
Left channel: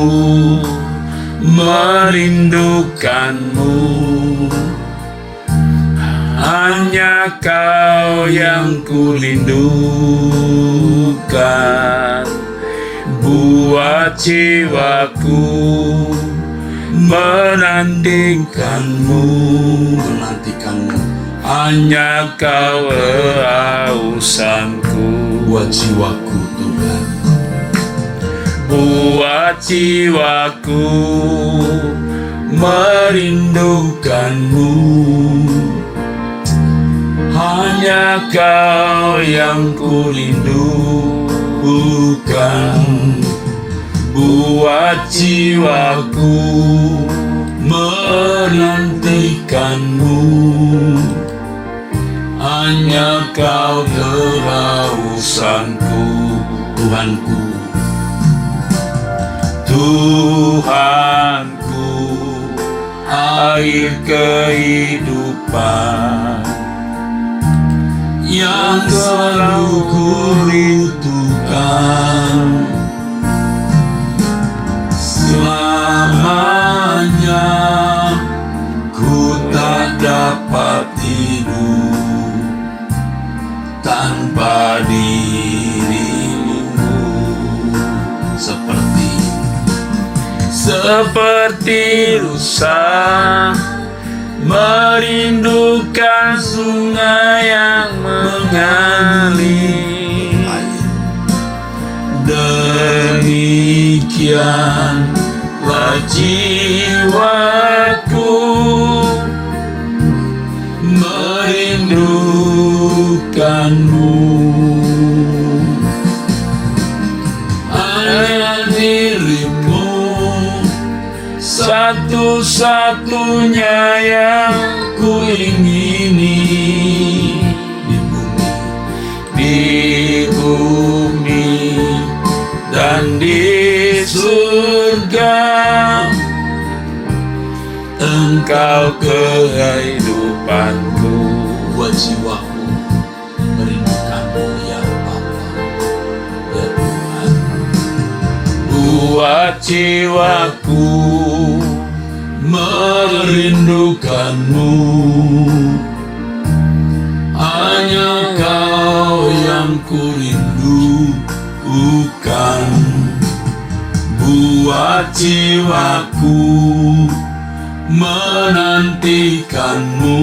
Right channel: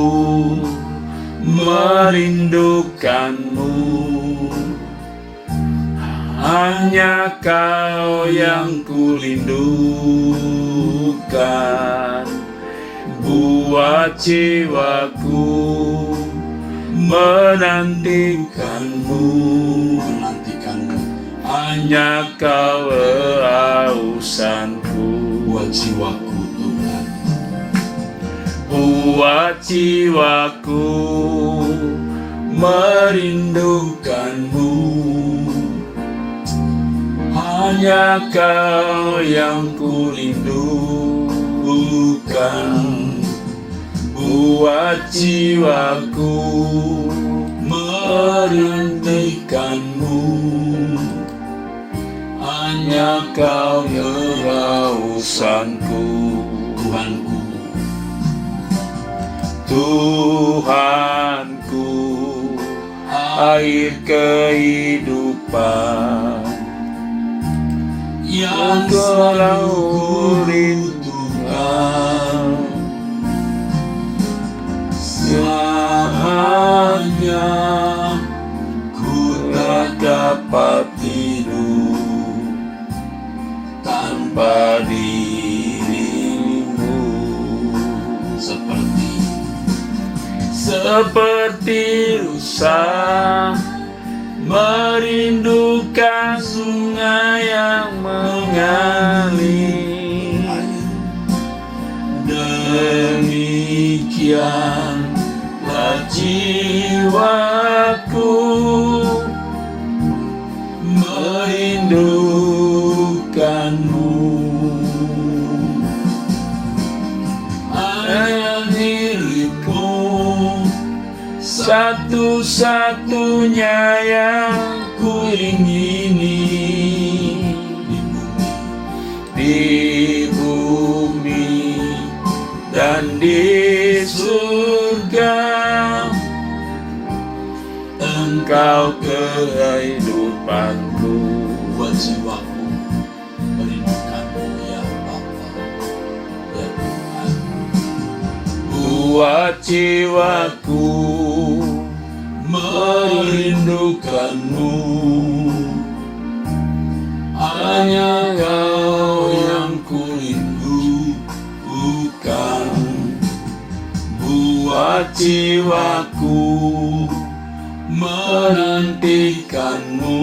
merindukanmu, hanya Kau yang kurindukan. Buat jiwaku menantikanmu, hanya Kau kehausanku. Buat jiwaku Tuhan, buat jiwaku merindukanmu, hanya Kau yang kurindukan. Buat jiwaku menantikanmu, hanya Kau kehausanku. Tuhanku, Tuhanku, air kehidupan yang Kau rindukan. Selamanya ku tak dapat hidup tanpa dirimu. Seperti rusa merindukan sungai yang mengalir, demikianlah jiwaku merindukanmu. Hanya dirimu satu-satunya yang ku ingini di bumi dan di surga. Engkau kehidupanku. Buat jiwaku merindukanmu ya Bapa, ya Tuhan. Buat jiwaku merindukanmu, hanya Kau yang kurindukan. Buat Buat jiwaku menantikanmu,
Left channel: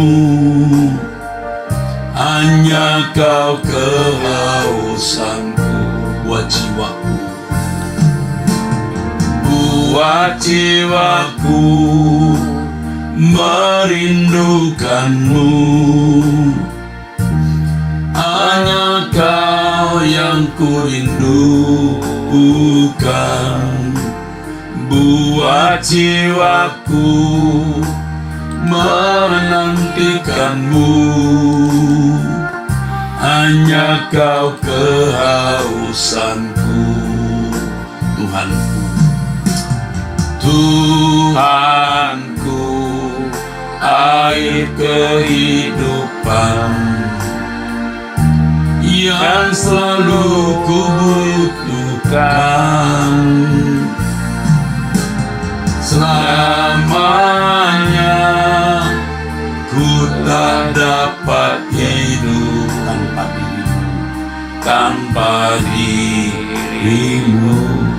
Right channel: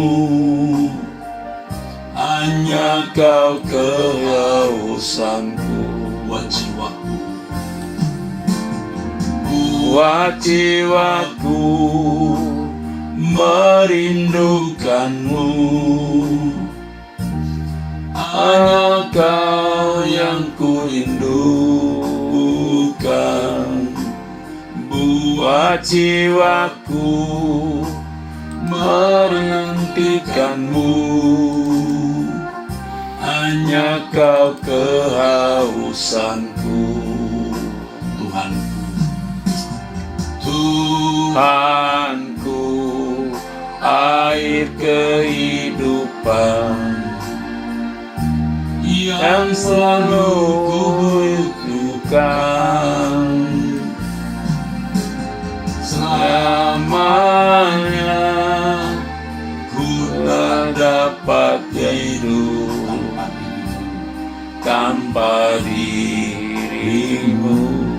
hanya kau kehausanku. Buat jiwaku merindukanmu, hanya kau yang ku rindukan. Buat jiwaku menantikanmu, hanya kau kehausanku. Tuhanku, air kehidupan yang selalu ku butuhkan. Selamanya ku tak dapat hidup tanpa dirimu.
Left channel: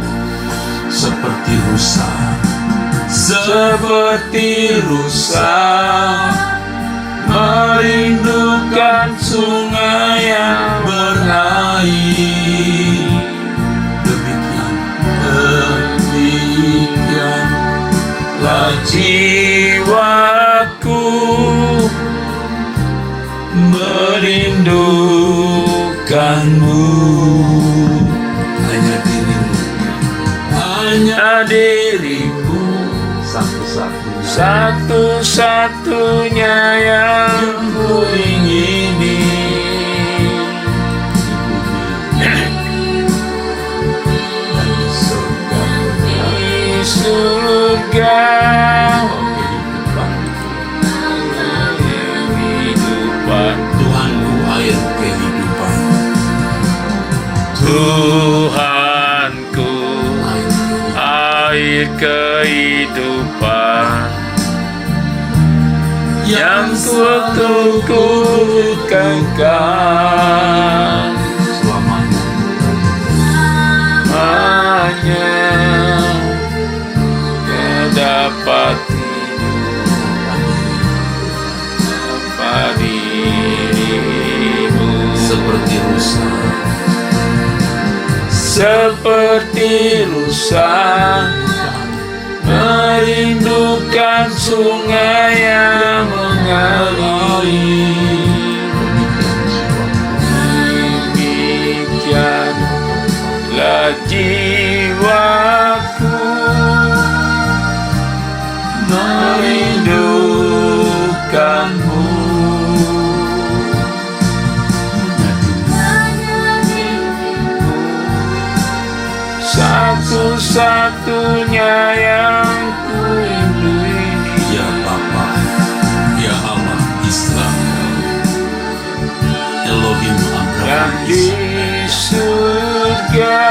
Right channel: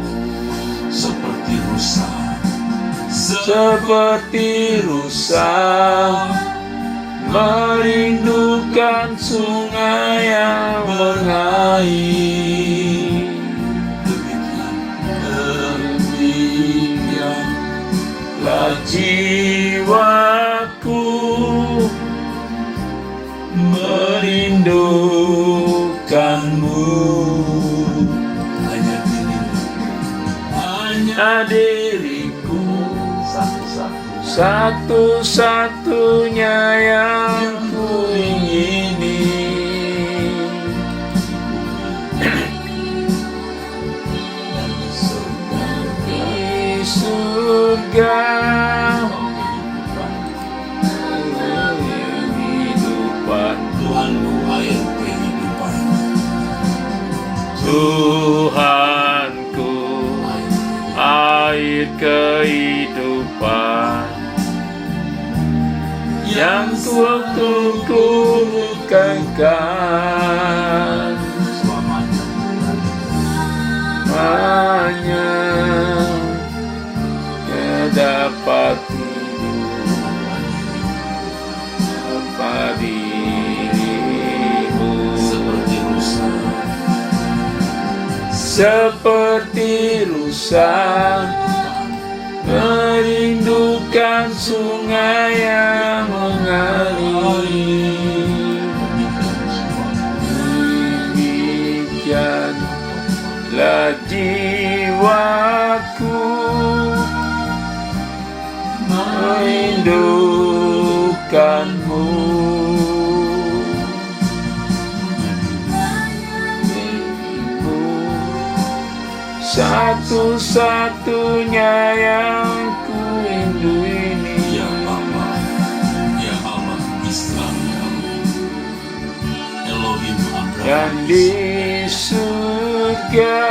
Seperti rusa merindukan sungai yang mengalir. Demikianlah jiwaku merindukanmu. Hanya dirimu, satu-satunya yang ku ingini. Di surga kehidupan, Tuhanku air kehidupan. Tuhanku air kehidupan yang ku kekal hanya dapat hidup tanpa dirimu. Seperti rusa merindukan sungai yang mengalir. Demikianlah jiwaku merindukanmu. Satu-satunya yang ku rindu ini. Ya Bapa, ya Allah Israel, Elohim Abraham, yang di surga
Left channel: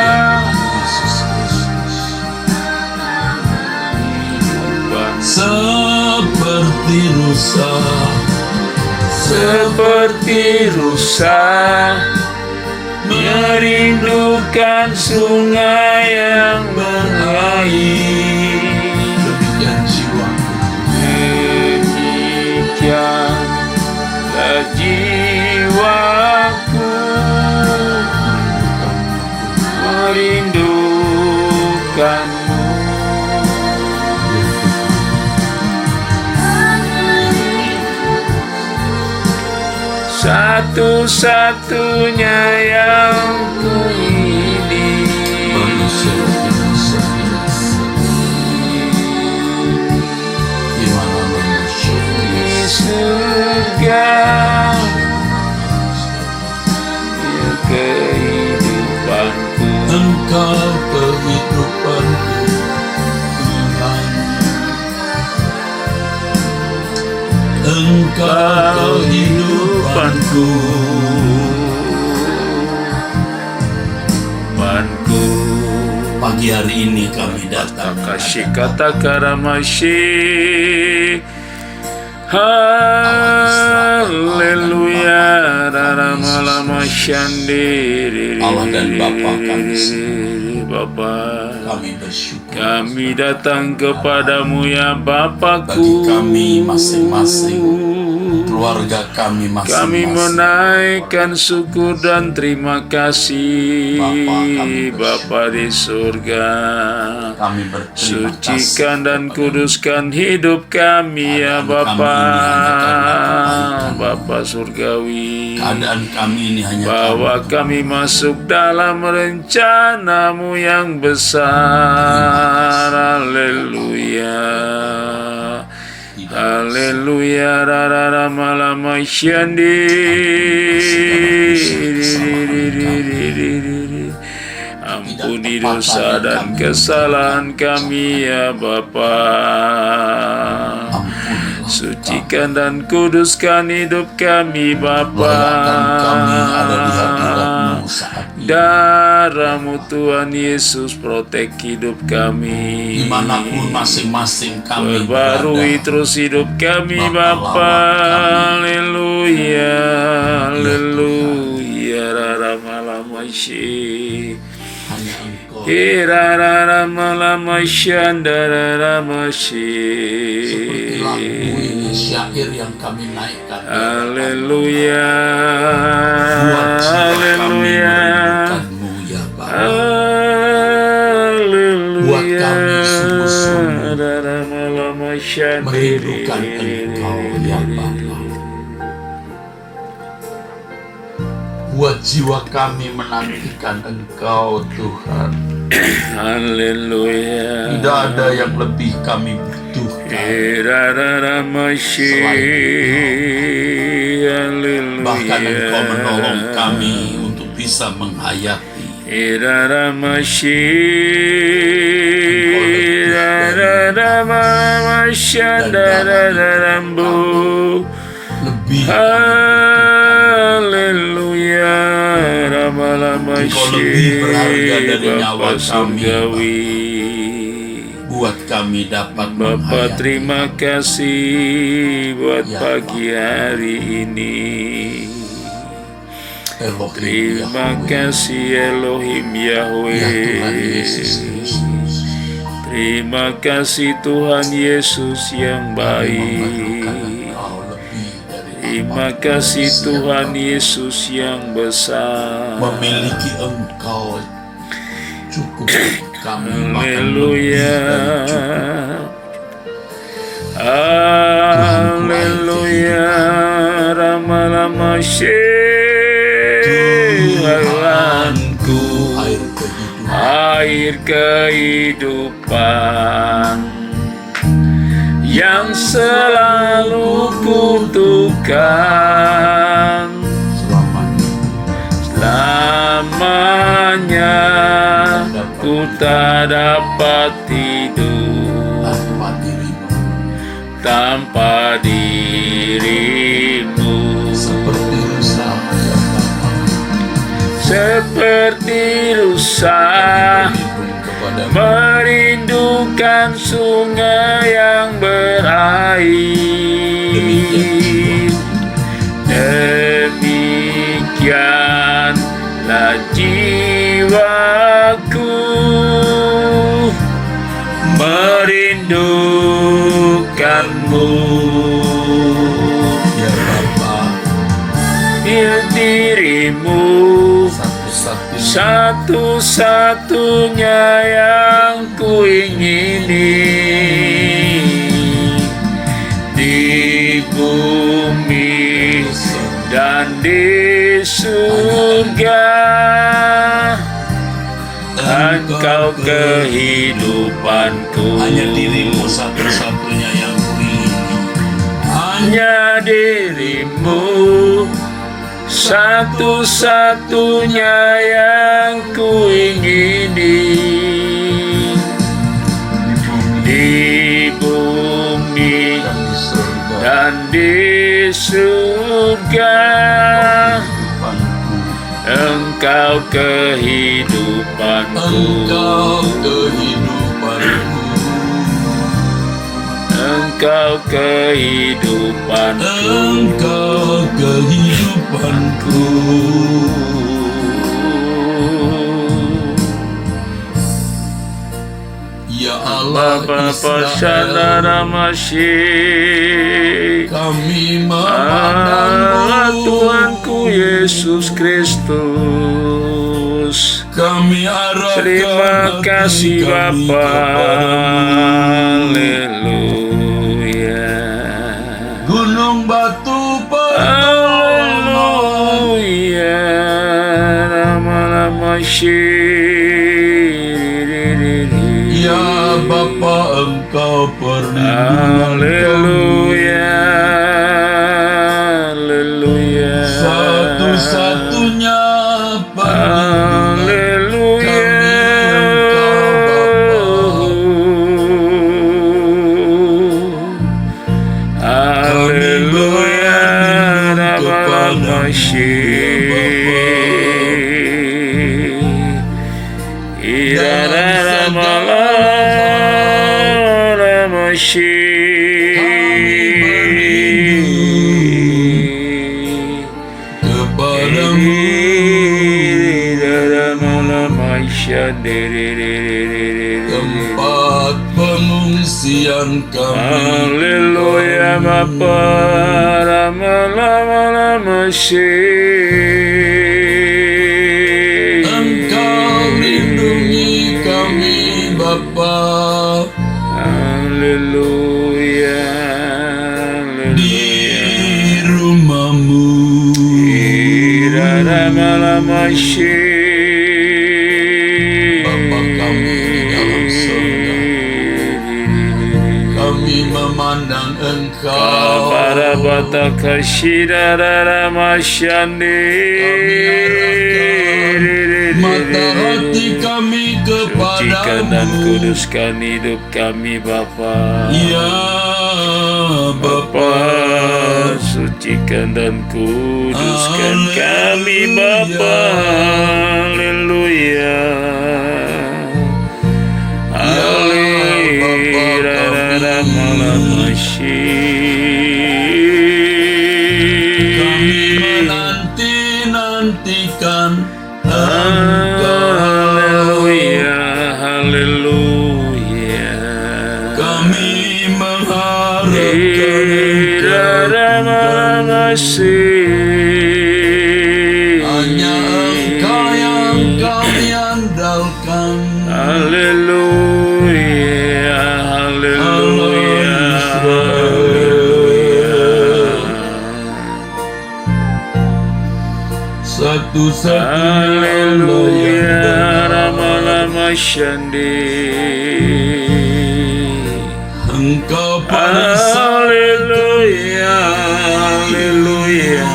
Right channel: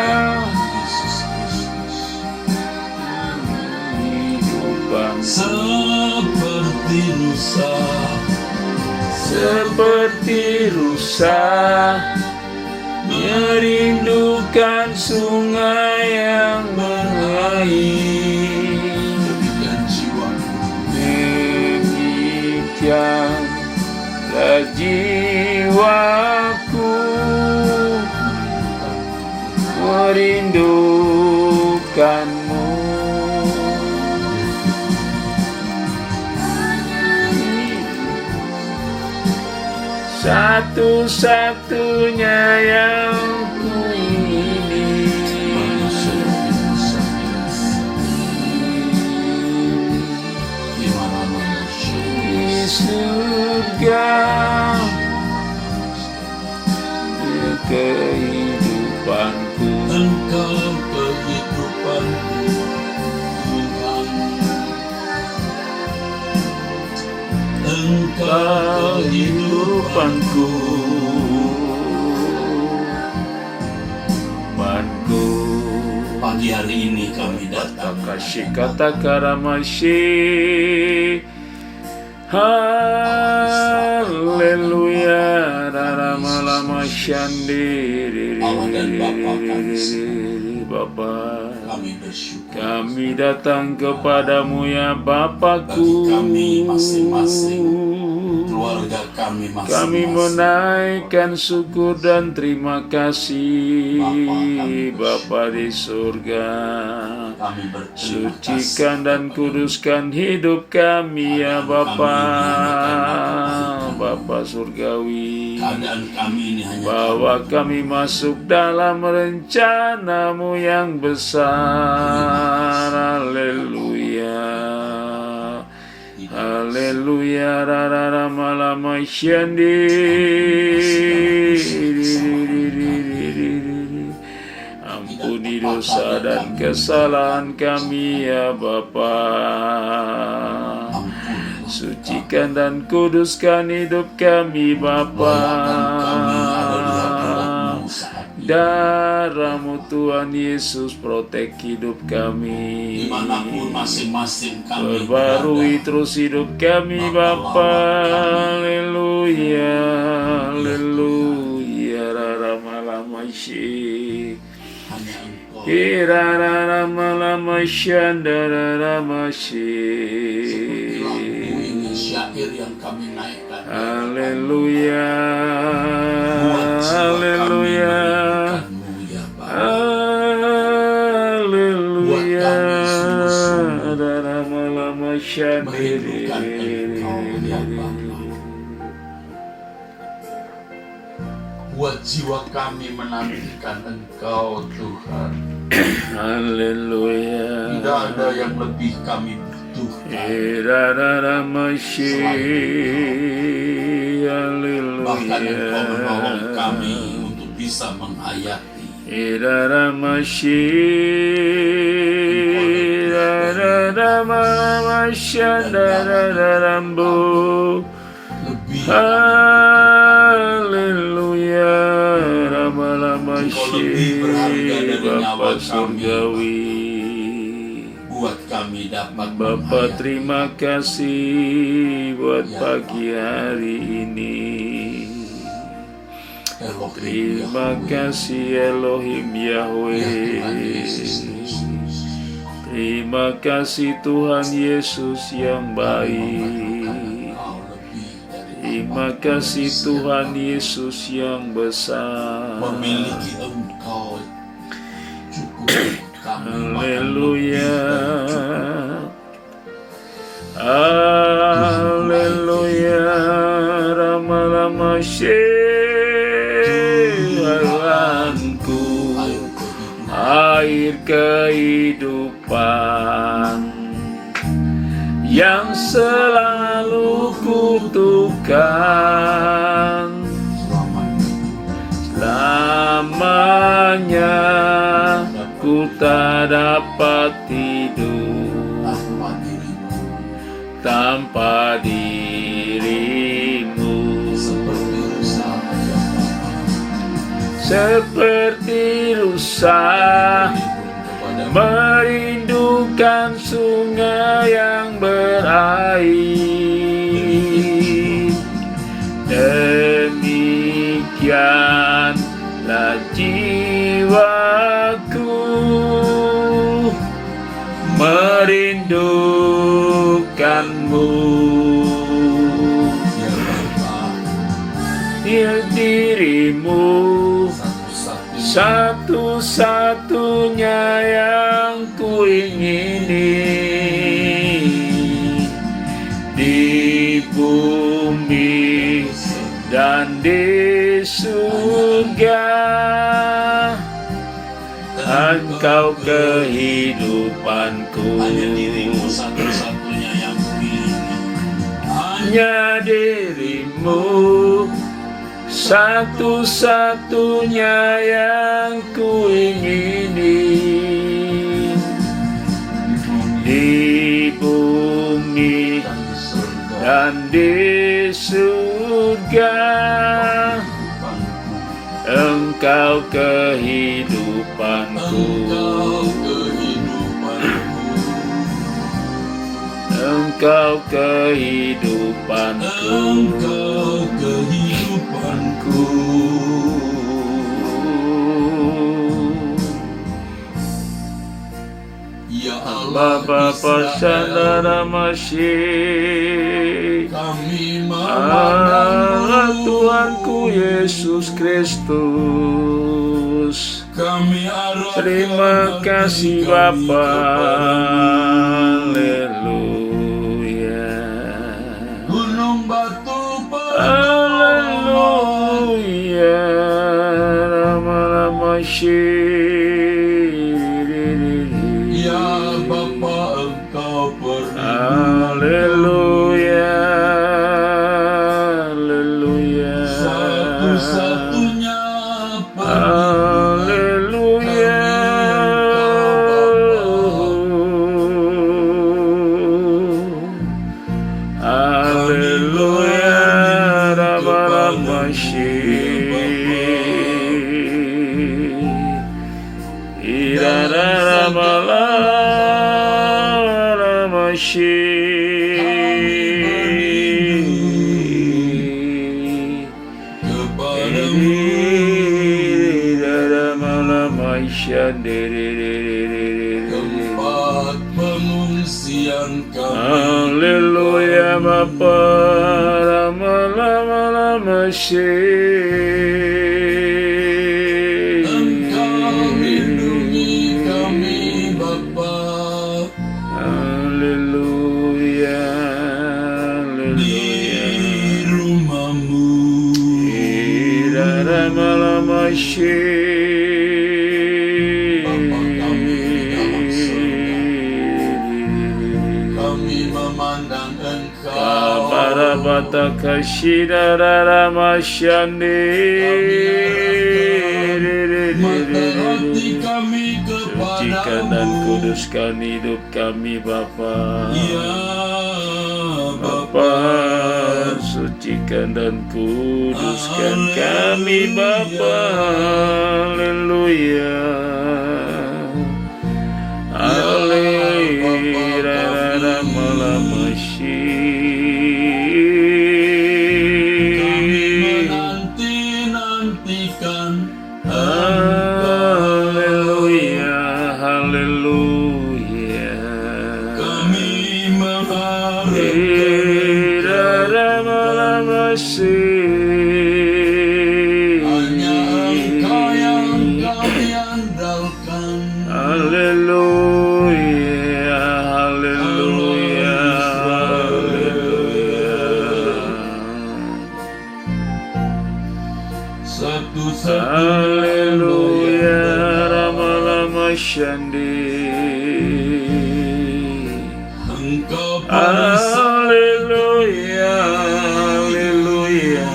kehidupan seperti rusa merindukan sungai yang mengalir. Demikianlah jiwaku merindukanmu. Satu-satunya yang ku ingini. Di surga ya kehidupanku. Engkau kehidupanku, Tuhan. Engkau Kehidupanku, pagi hari ini kami datang kasih kata karamashi. Haleluya, raramalama shandiri. Allah dan Bapa kami. Bapa. Kami bersyukur. Kami datang kepadamu ya Bagi Bapakku. kami masing-masing, keluarga kami Kami masing-masing. menaikkan syukur dan terima kasih Bapa, Bapa di surga. Kami berterima Sucikan kasih dan kepada kuduskan hidup kami ya Keadaan Bapa. kami ini hanya karena kebaikan. Bapa surgawi. keadaan kami ini hanya Bahwa karena kami masuk dalam rencanamu yang besar. Haleluya. Haleluya. Rara malama syandi. Ampuni dosa dan kesalahan kami ya Bapa. Sucikan dan kuduskan hidup kami Bapa. Layakan kami ada di hadirat-Mu saat ini. Darah-Mu Tuhan Yesus protek hidup kami. Dimanapun masing-masing kami Perbarui berada, terus hidup kami Bapa, Bapa. lawan Haleluya. Haleluya. Rara malama syih. hanya Engkau. Irara malama syandara Seperti lagu ini, masyi. syair yang kami naikkan. Haleluya. Buat jiwa kami Haleluya. merindukan-Mu ya Bapa. Buat Haleluya. kami sungguh-sungguh Irara malama syandiri. merindukan Engkau ya Bapa. Buat jiwa kami menantikan Engkau Tuhan. Haleluya. Tidak ada yang lebih kami butuhkan. Irara masyi. Haleluya. Bahkan Engkau menolong kami untuk bisa menghayati. Irara masyi. Irara mamasyandarambu. Lebih Haleluya. Ramala masyi. lebih berharga dari nyawa Bapa kami, surgawi. buat kami dapat Bapa menghayati. terima kasih buat Ya, pagi hari ini. Elohim Terima Yahweh, kasih Elohim ya Tuhan Yahweh. Yesus Kristus. Terima kasih Tuhan Yesus yang baik. Engkau lebih dari Terima kasih Tuhan Yesus yang besar. memiliki Engkau cukup kami, bahkan Haleluya. lebih dari cukup. Haleluya. Rama-rama Tuhanku, Air kehidupan air kehidupan yang selalu kutukan selamanya. Ku tak dapat tidur tanpa dirimu, tanpa dirimu. seperti rusa Seperti rusa merindukan sungai yang berair. Demikianlah jiwaku merindukanmu. ya Bapa, Dirimu satu-satunya yang kuingini di bumi dan di surga. Engkau kehidupanku, hanya dirimu satu-satunya yang kuingini. hanya dirimu satu-satunya yang kuingini di bumi dan di surga. Engkau kehidupanku, Engkau kehidupanku, Engkau kehidupanku, Engkau kehidupanku. Ya Allah Bapa Sandara Israel, Masih kami Allah memandangmu, Tuhanku Yesus Kristus. kami arahkan Terima hati kasih kami Bapa. kepadamu. Haleluya. Gunung batu Haleluya. Nama-nama ya Bapa, Engkau perlindungan Haleluya. Haleluya. satu-satunya Haleluya. Haleluya. Nama-nama tempat pengungsian kami. Haleluya Bapa, lama-lama Engkau lindungi kami Bapa, Haleluya. di rumahmu. Lama-lama Bapa kami di dalam surga, kami memandang Engkau. Para bata kashira ramasyandi. Mata hati kami Sucikan dan kepadamu. kuduskan hidup kami Bapa. Ya Bapa, Sucikan dan kuduskan kami Bapa. Haleluya. menanti-nantikan Haleluya, haleluya. kami mengharapkan hanya Engkau yang kami andalkan. Haleluya, haleluya, Satu-satunya haleluya, rama-rama syandi. Engkau perisai Haleluya, haleluya.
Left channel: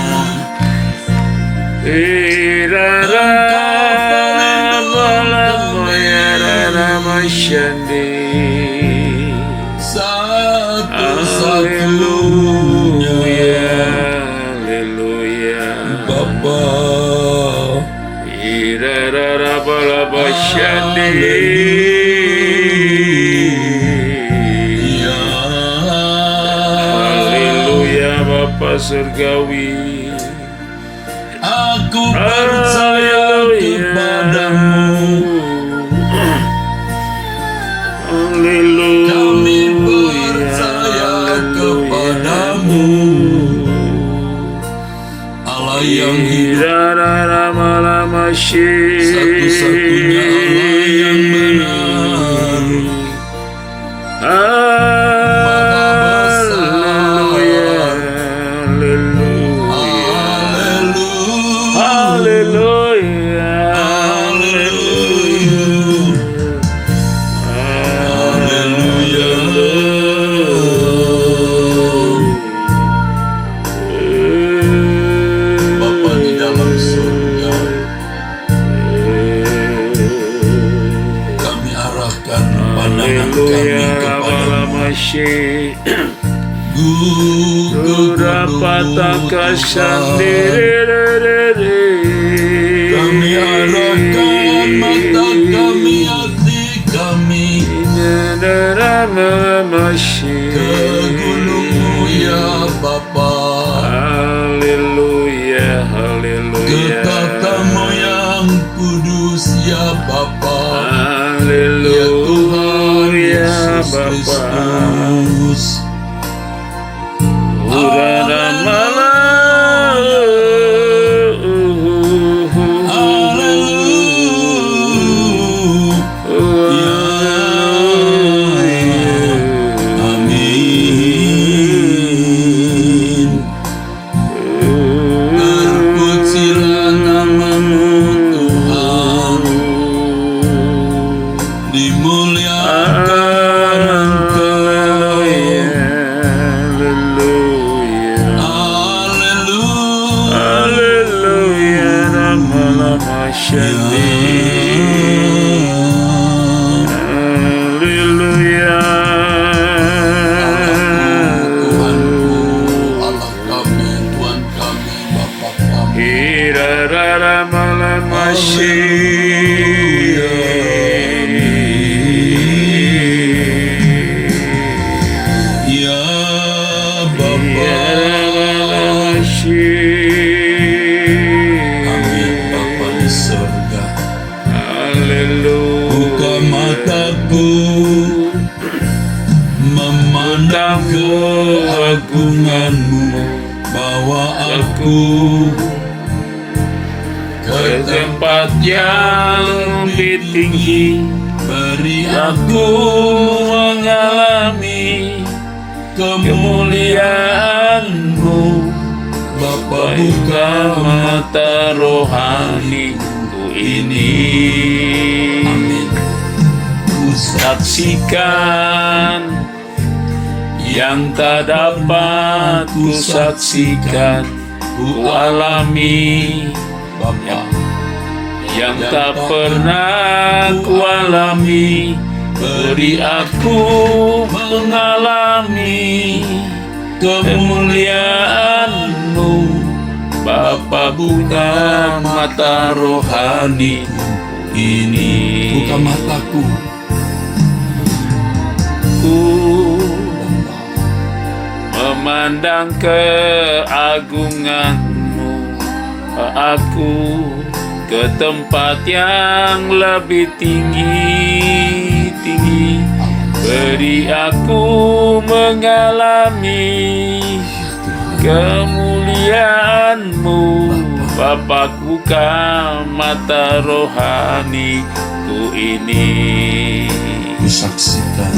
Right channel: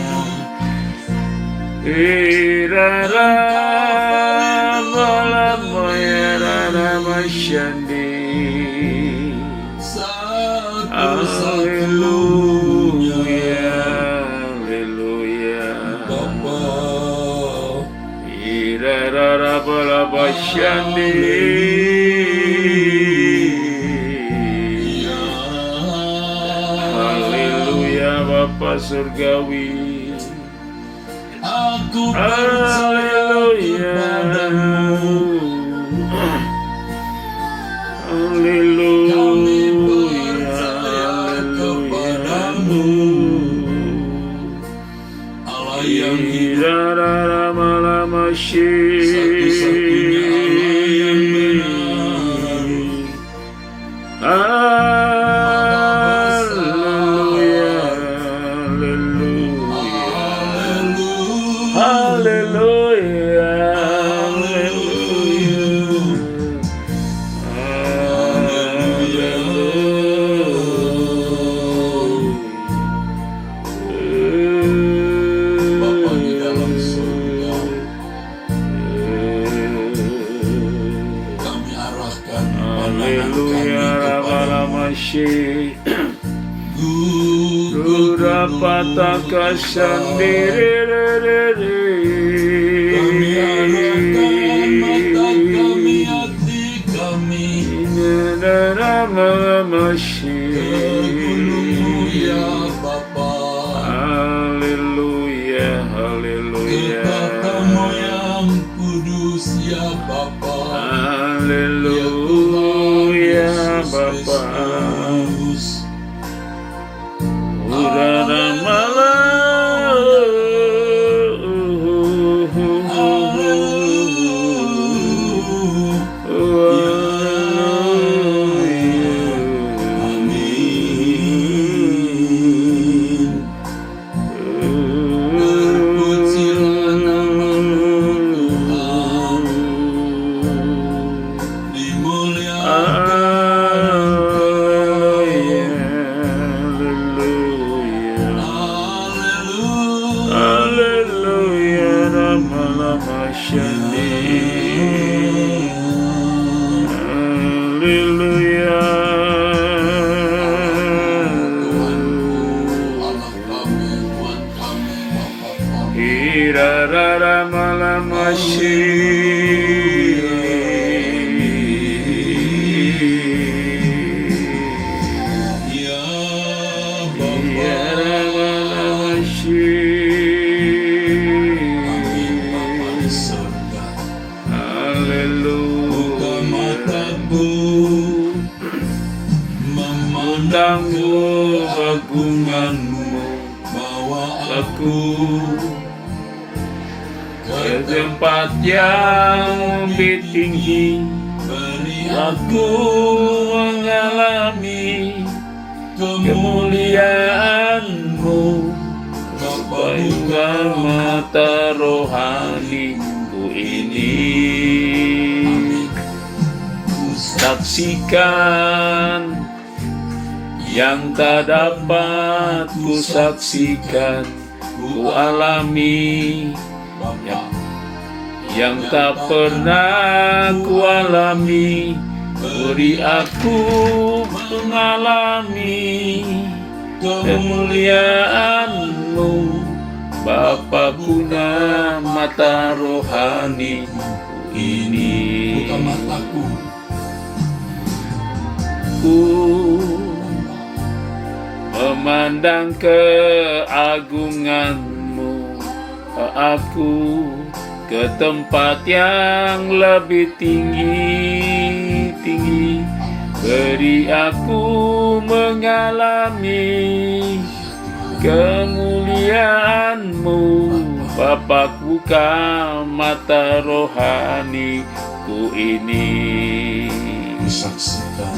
Irara balamaya rama syandi. satu-satunya Haleluya. Bapa. Irara balaba syandi. Ya Haleluya Bapa Surgawi. aku percaya kepadamu. Haleluya. Kami percaya kepadamu, Allah yang hidup, satu-satunya Allah yang benar. Haleluya. Haleluya. Bapa di dalam surga, kami arahkan pandangan kami kepadamu. Kami arahkan mata kami, hati kami ke gunung-Mu ya Bapa, Haleluya, ke haleluya. tatamu yang kudus ya Bapa. Ya Haleluya. Tuhan Bapa. Kristus. Urana Amin. Terpujilah nama-Mu Tuhan, dimuliakan Engkau. Ya Bapa, amin Bapa di surga. Buka mataku memandang keagungan-Mu, bawa aku Ke tempat yang lebih tinggi, beri aku mengalami kemuliaan-Mu. Bapa, buka Buka mata rohaniku ini. Amin. Saksikan yang tak dapat ku saksikan, ku alami Bapa, yang tak pernah ku alami. Beri aku mengalami kemuliaan-Mu. Bapa, buka mata rohaniku ini. buka mataku. Ku memandang keagungan-Mu, aku ke tempat yang lebih tinggi. Beri aku mengalami kemuliaan-Mu. Bapa, buka mata rohaniku ini. Ku saksikan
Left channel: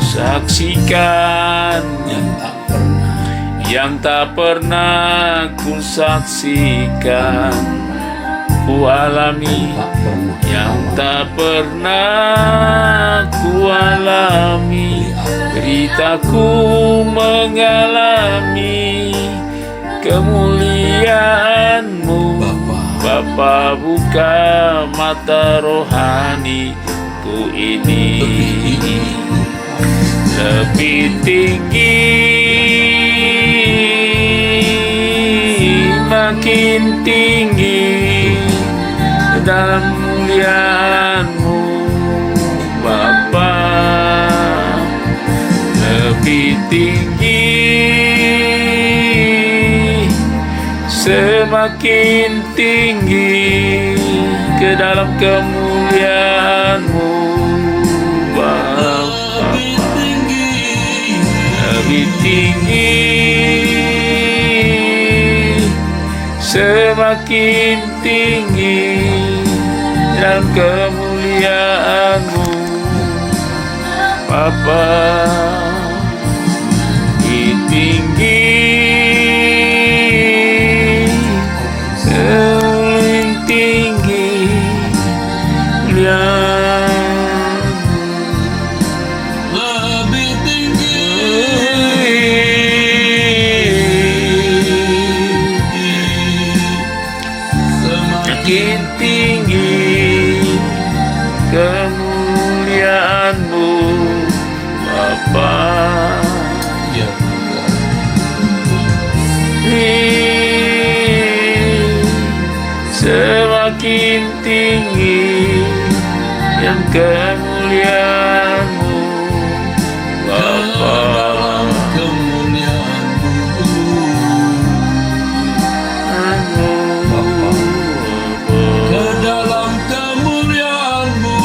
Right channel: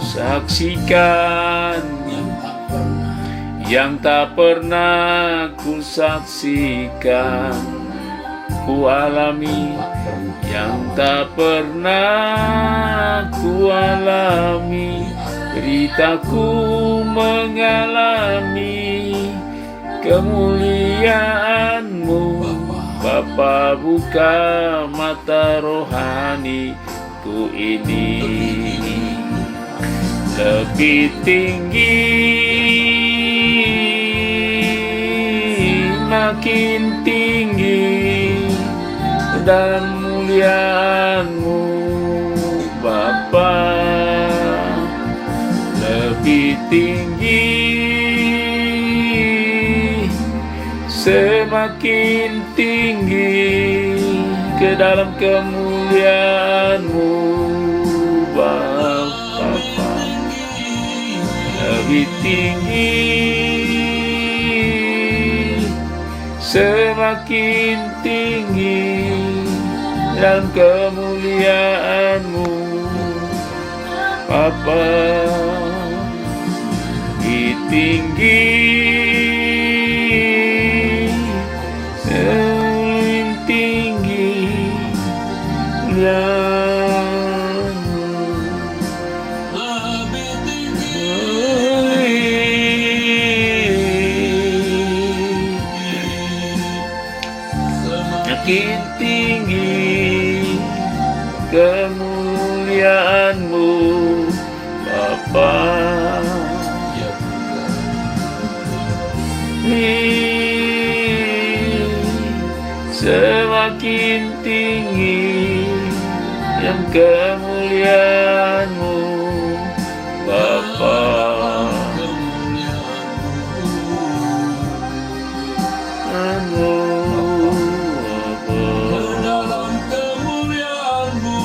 Saksikan yang tak pernah yang tak pernah ku saksikan, ku alami tak pernah yang tak pernah ku alami. Beritaku mengalami kemuliaan-Mu. Bapa, buka mata rohaniku ini. Lebih tinggi, makin tinggi dalam muliaan-Mu, Bapa. Lebih tinggi, semakin tinggi ke dalam kemuliaan-Mu, Bapa. Lebih tinggi, semakin tinggi dalam kemuliaan-Mu, Bapa. Lebih tinggi, semakin tinggi muliaan-Mu. lebih tinggi. Makin tinggi kemuliaan-Mu, Bapa. Ya Tuhan, Semakin tinggi yang kemuliaan-Mu, Bapa. ke dalam kemuliaan-Mu,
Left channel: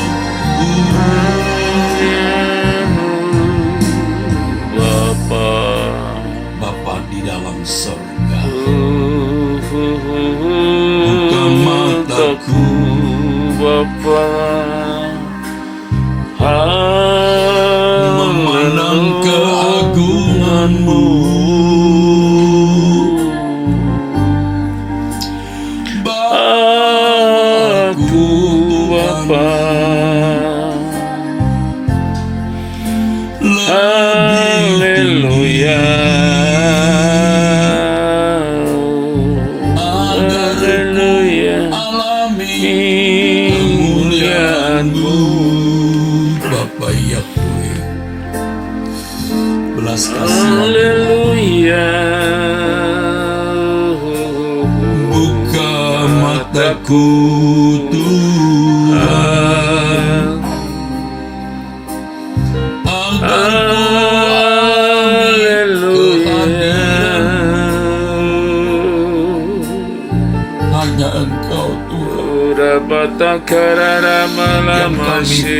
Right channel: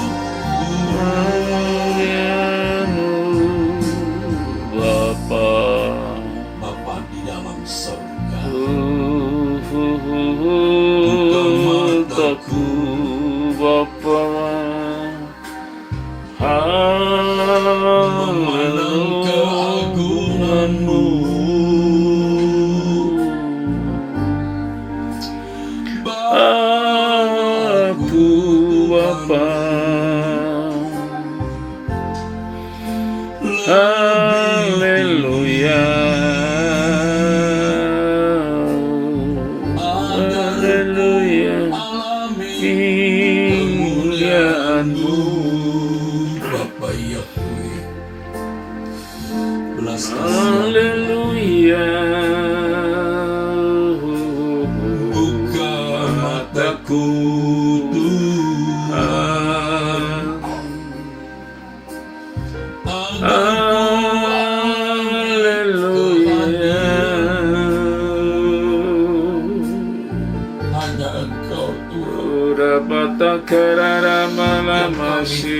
Haleluya. Haleluya. alami Kemuliaan-Mu. Bapa Yahweh, belas kasih Haleluya. buka mataku Tuhan, agar hanya Engkau Tuhan. Takara malamasi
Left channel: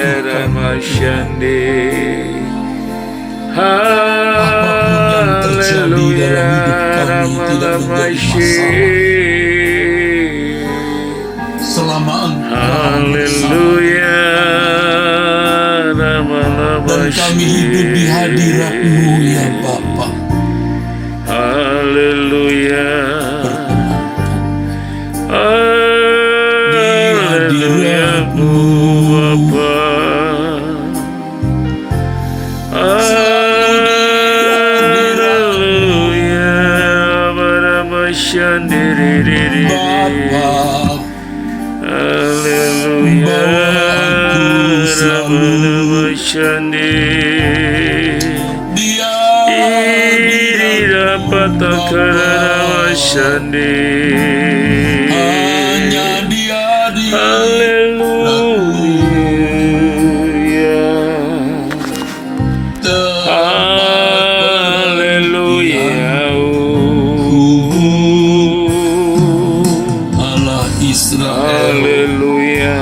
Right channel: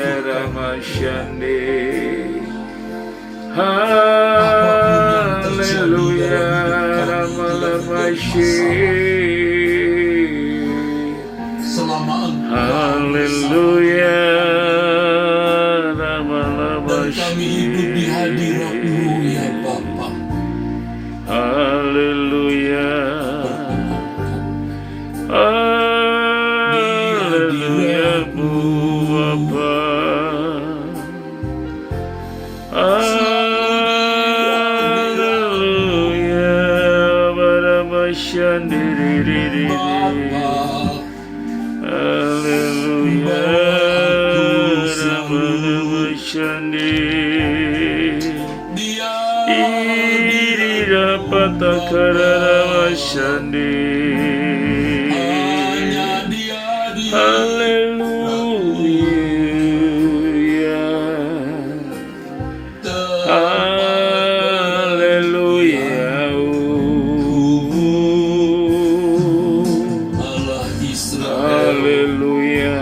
Aramasyande. Apapun yang terjadi dalam hidup kami tidak menjadi masalah. Selama Engkau Haleluya. dan kami hidup di hadirat-Mu ya Bapa. Haleluya. Hadirat-Mu Bapa. Haleluya. Baramasyandiriri. Bapa, Haleluya. Membawa aku selalu. Baramasyandiriri. Dia dapat takara syandi. hanya Dia di Haleluya. Haleluya. Allah Israel, Haleluya.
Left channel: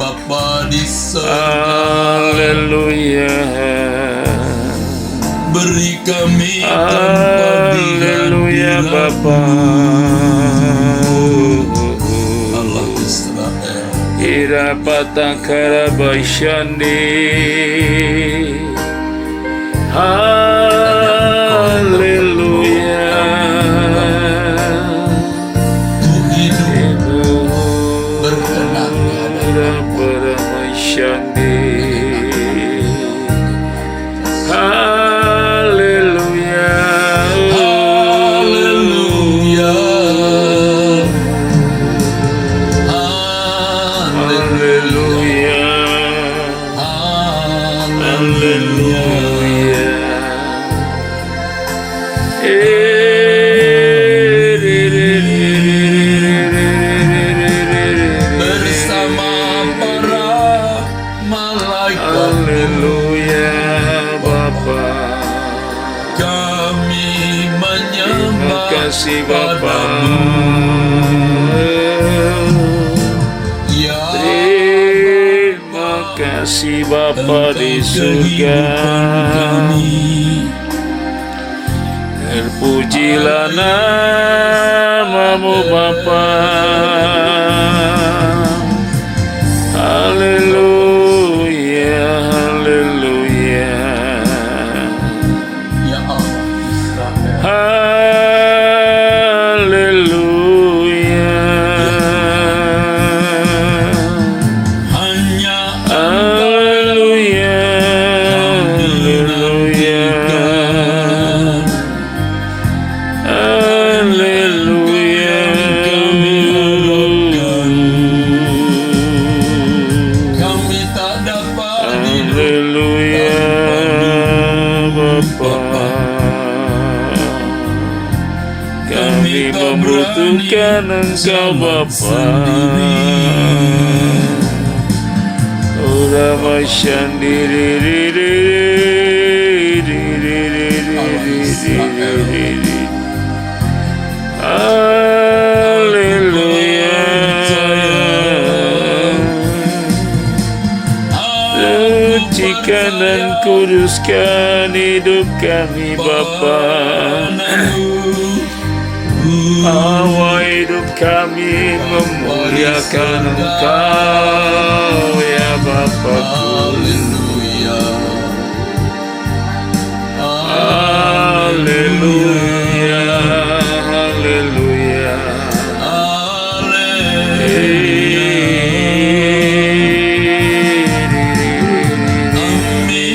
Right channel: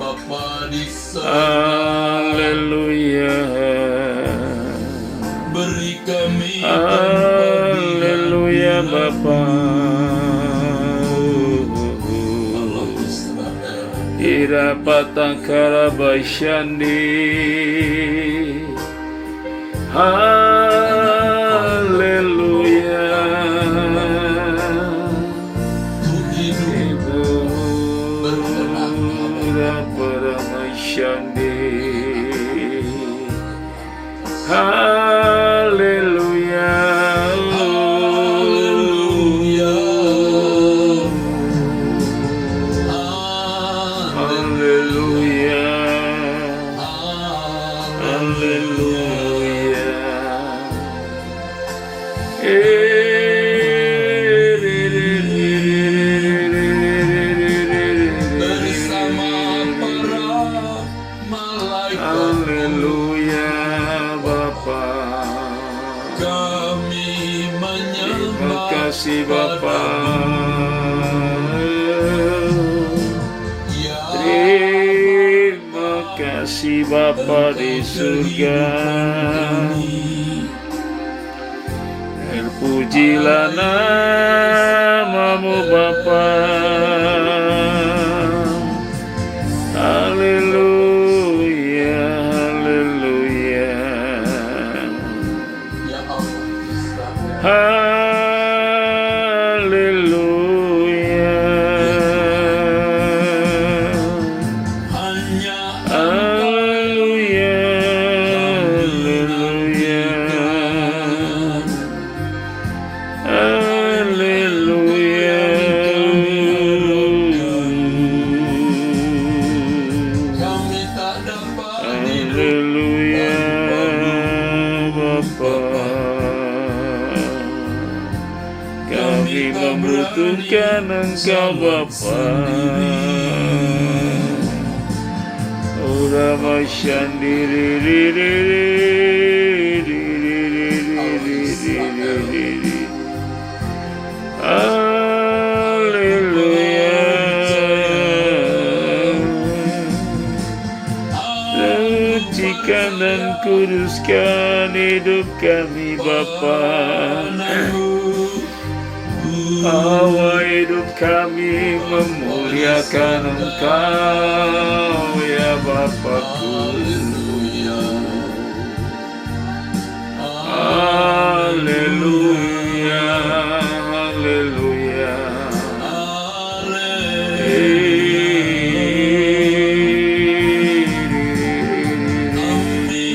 Bapa di surga, Haleluya. beri kami tempat di Haleluya hadirat-Mu. Bapa. Allah Israel, Ira patakara basyandi. Haleluya. ku hidup berkenan Ira paramasyandi. Haleluya. Haleluya. Haleluya. Haleluya. Bersama para malaikat Haleluya Bapa. kami Terima menyembah kasih Bapa. Ya Terima kasih Bapa di surga. Terpujilah namamu Bapa. Haleluya. Haleluya. Ya Allah Israel, Haleluya. hanya Haleluya. Haleluya. Haleluya. kami tak dapat hidup Haleluya Bapa. Kami membutuhkan Engkau Bapa. Ora masyandiri. Haleluya. Sucikan dan kuduskan hidup kami Bapa. Hawa hidup kami memuliakan Engkau ya Bapakku. Haleluya. Haleluya. Haleluya. Kami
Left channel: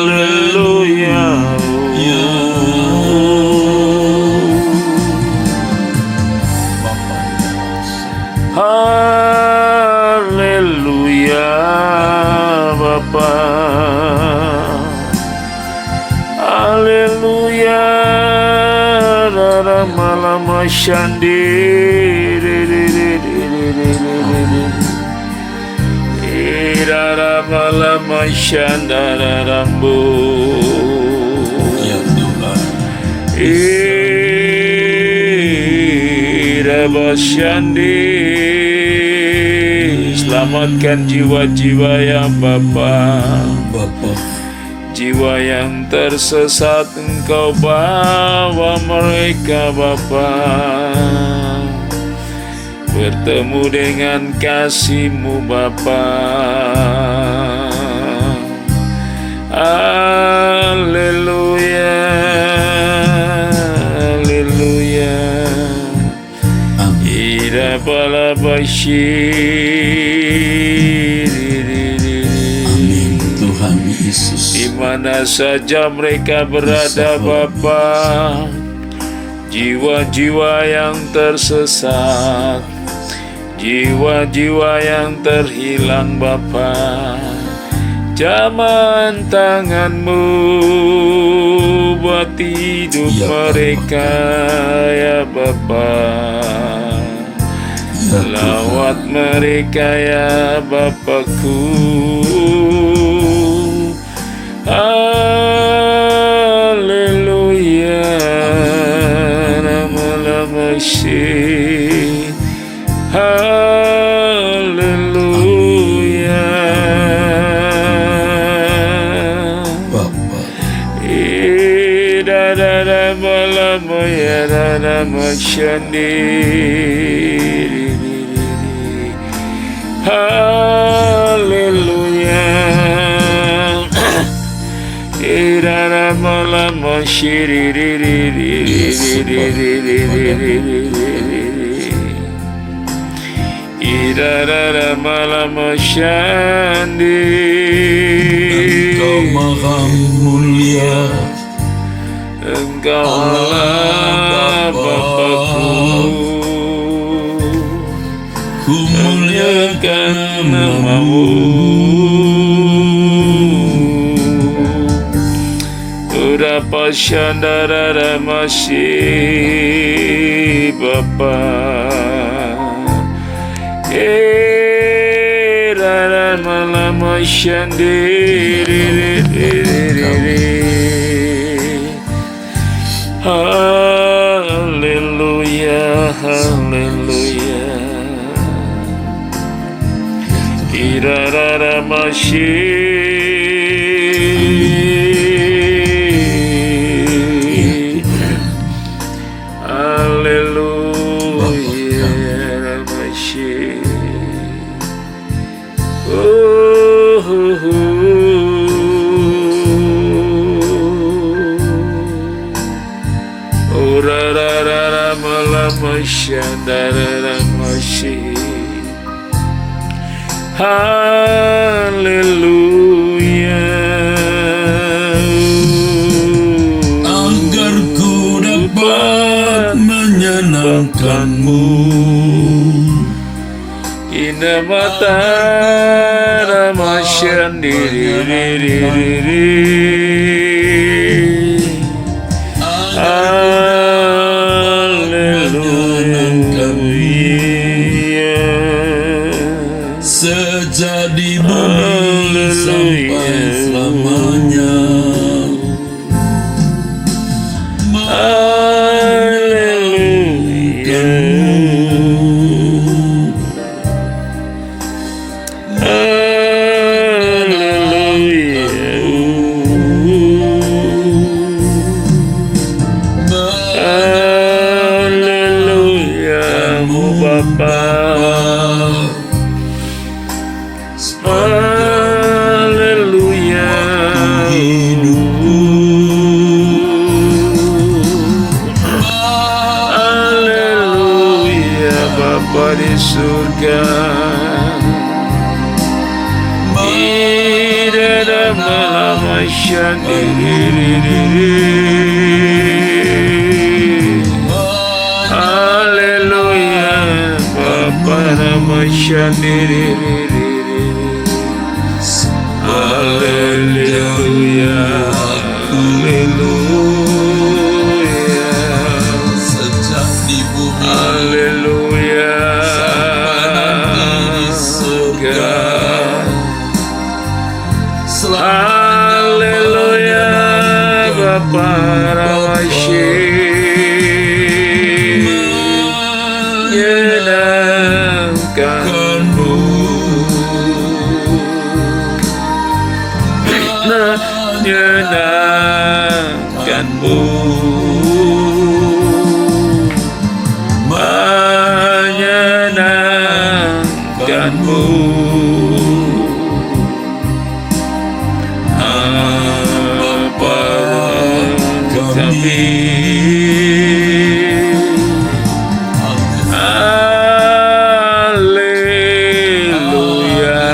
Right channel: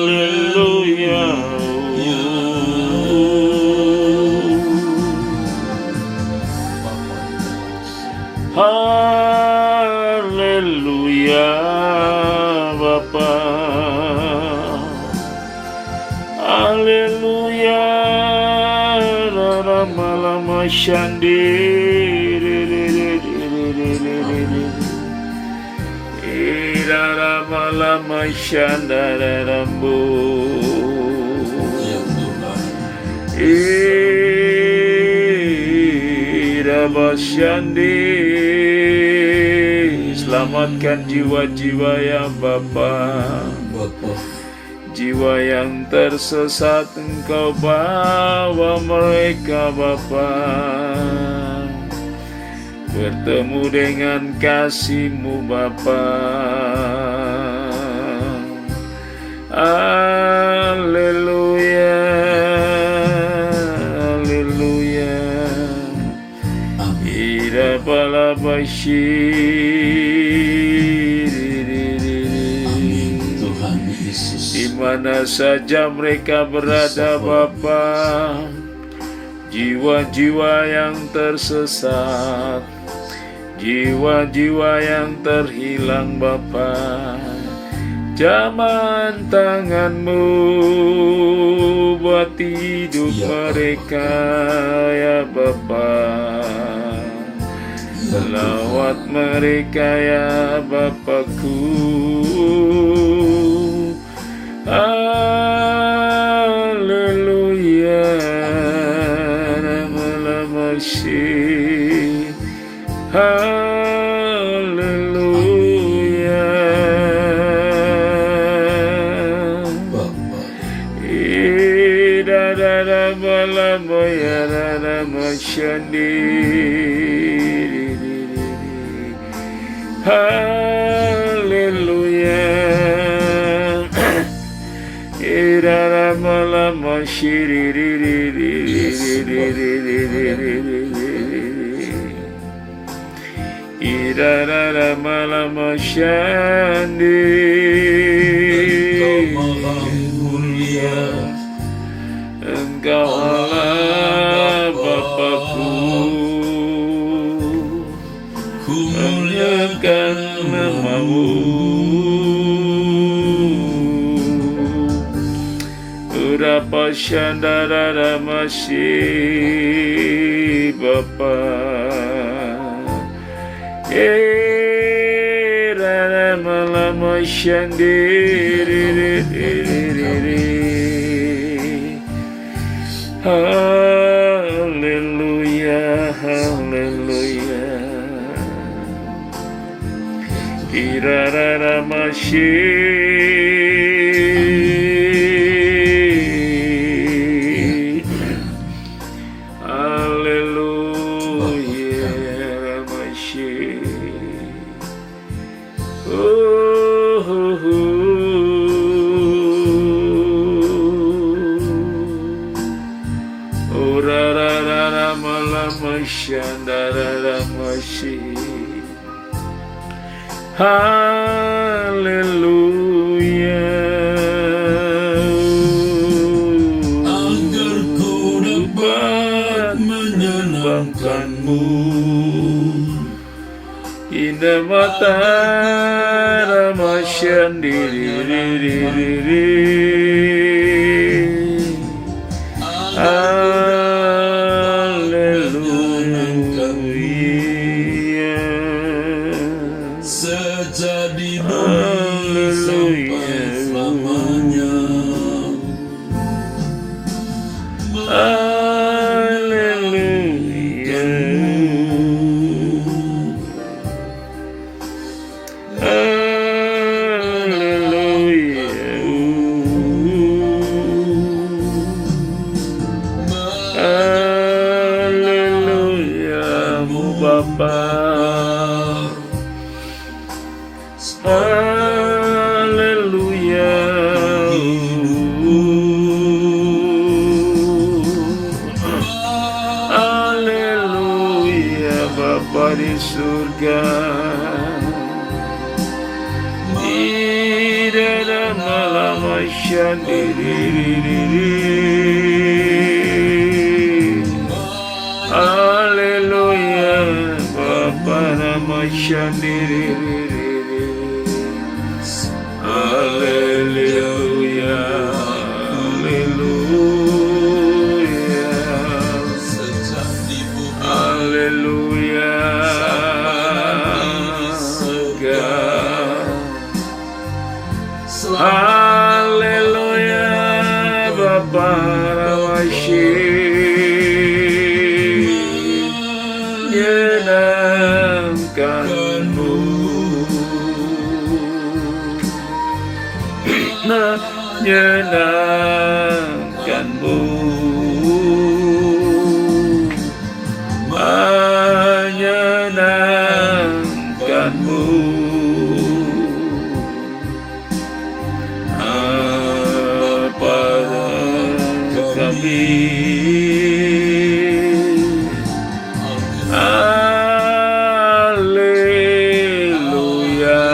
Haleluya. Haleluya Bapa. Haleluya Rara malam syandi Rara malam syandara rambu Ya Tuhan. Rabasyandi. Selamatkan jiwa-jiwa yang Bapa, jiwa yang tersesat Engkau bawa mereka Bapa, bertemu dengan kasih-Mu Bapa. Haleluya, haleluya. Ira balabashi. Di mana saja mereka berada Bapa, jiwa-jiwa yang tersesat, jiwa-jiwa yang terhilang Bapa, jaman tangan-Mu buat hidup mereka ya Bapa. Lawat mereka ya Bapakku. Haleluya, nama-nama Syih. Haleluya. Idara malama ya nama Syandi. Haleluya. Irara malama shiri. Irara malama syandi. Engkau maha mulia, Engkau Allah Bapakku. ku muliakan Namamu. Urapa syandara ramasi Bapa. Rara malama syandiri. Haleluya, haleluya. Irara masih. Haleluya, masih. Rara malama syandara masih. Haleluya. agar ku dapat menyenangkan-Mu. Indah mata ramasyan Haleluya. Sejadi bumi sampai selamanya. Haleluya. Haleluya. Bapa di surga. Di dalam malam Haleluya, Bapa nama Haleluya, haleluya, sejak di bumi haleluya, di surga. haleluya, Bapa Rawashi menyenangkanmu, menyenangkanmu, menyenangkanmu. Apa kami Haleluya,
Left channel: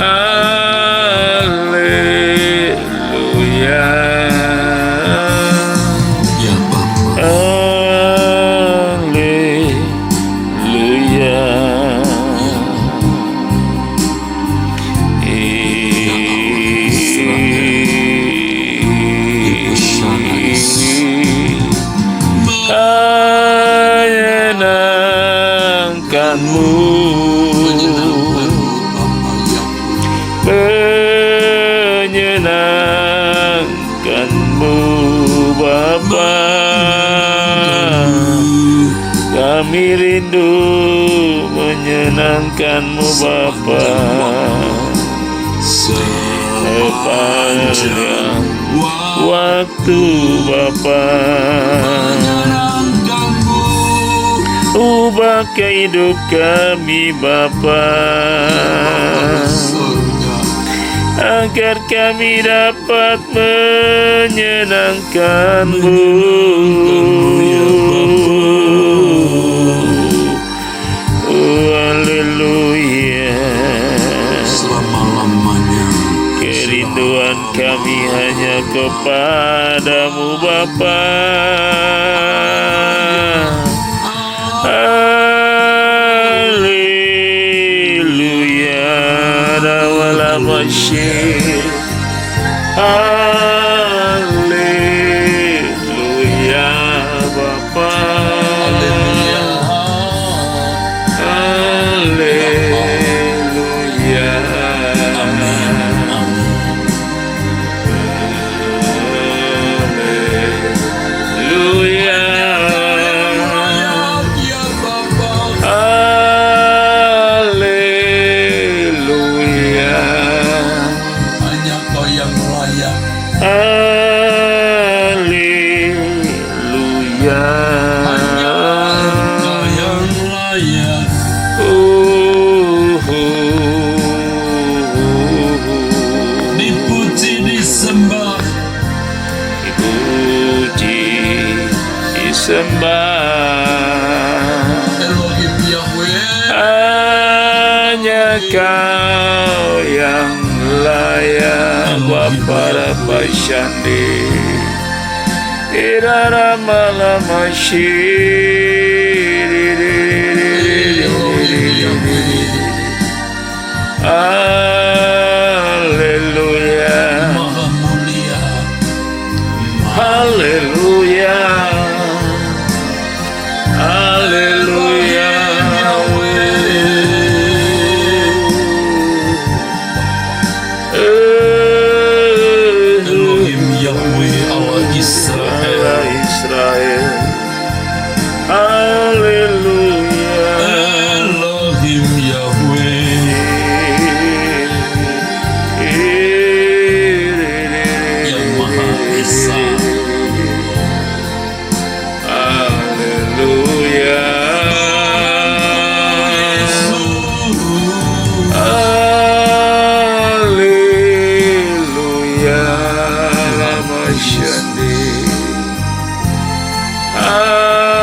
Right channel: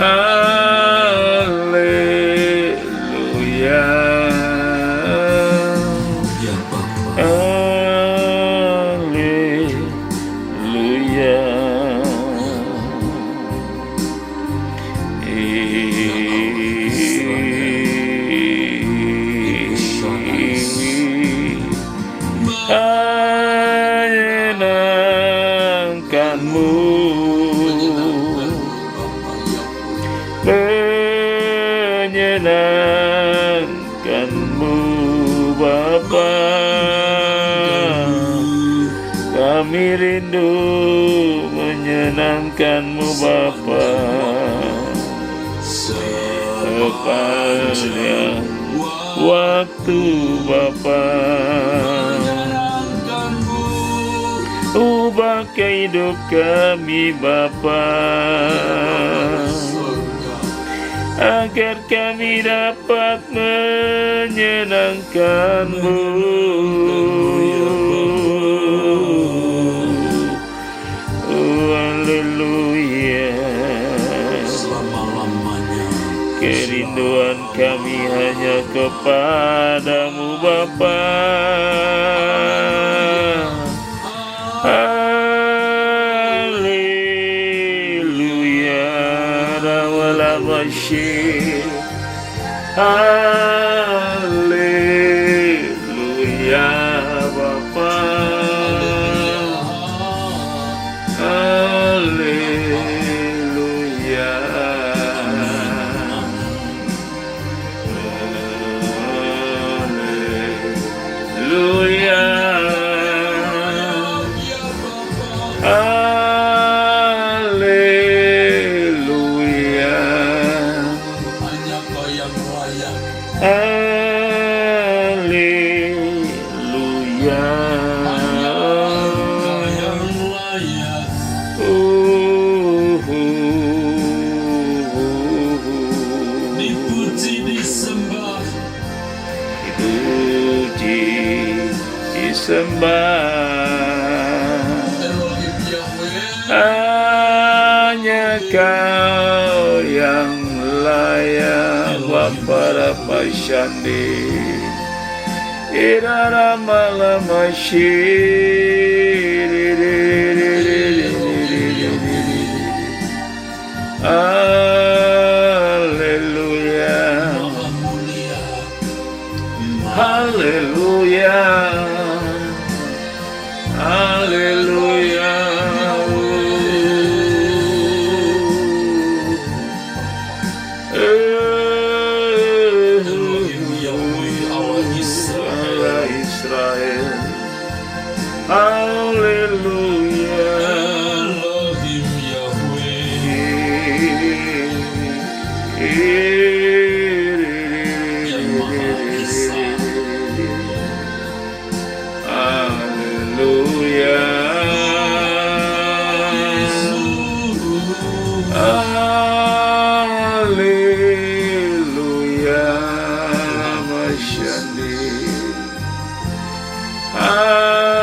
haleluya, Ya Bapa, haleluya. Menyenangkanmu, menyenangkanmu, Bapa. Kami rindu menyenangkanmu, Bapa. Sepanjang waktu, Bapa. Ubah kehidup kami, Bapa, agar kami dapat menyenangkan-Mu. Oh, haleluya. selama-lamanya. Kerinduan kami hanya kepadamu, Bapa. Haleluya, dawala masyir. Haleluya, Bapa. Haleluya. Haleluya. Hanya Kau yang layak. Haleluya. Hanya Kau yang layak. Dipuji, disembah. Dipuji, disembah. Elohim Yahweh. Hanya Kau yang layak, Bapa Rapasyandi. Irara malam Haleluya. Maha mulia. Haleluya. Haleluya. Elohim Yahweh Allah Israel. Israel. Haleluya. Elohim Yahweh. Yang Maha Esa. Haleluya. Haleluya. Masyandi. Haleluya.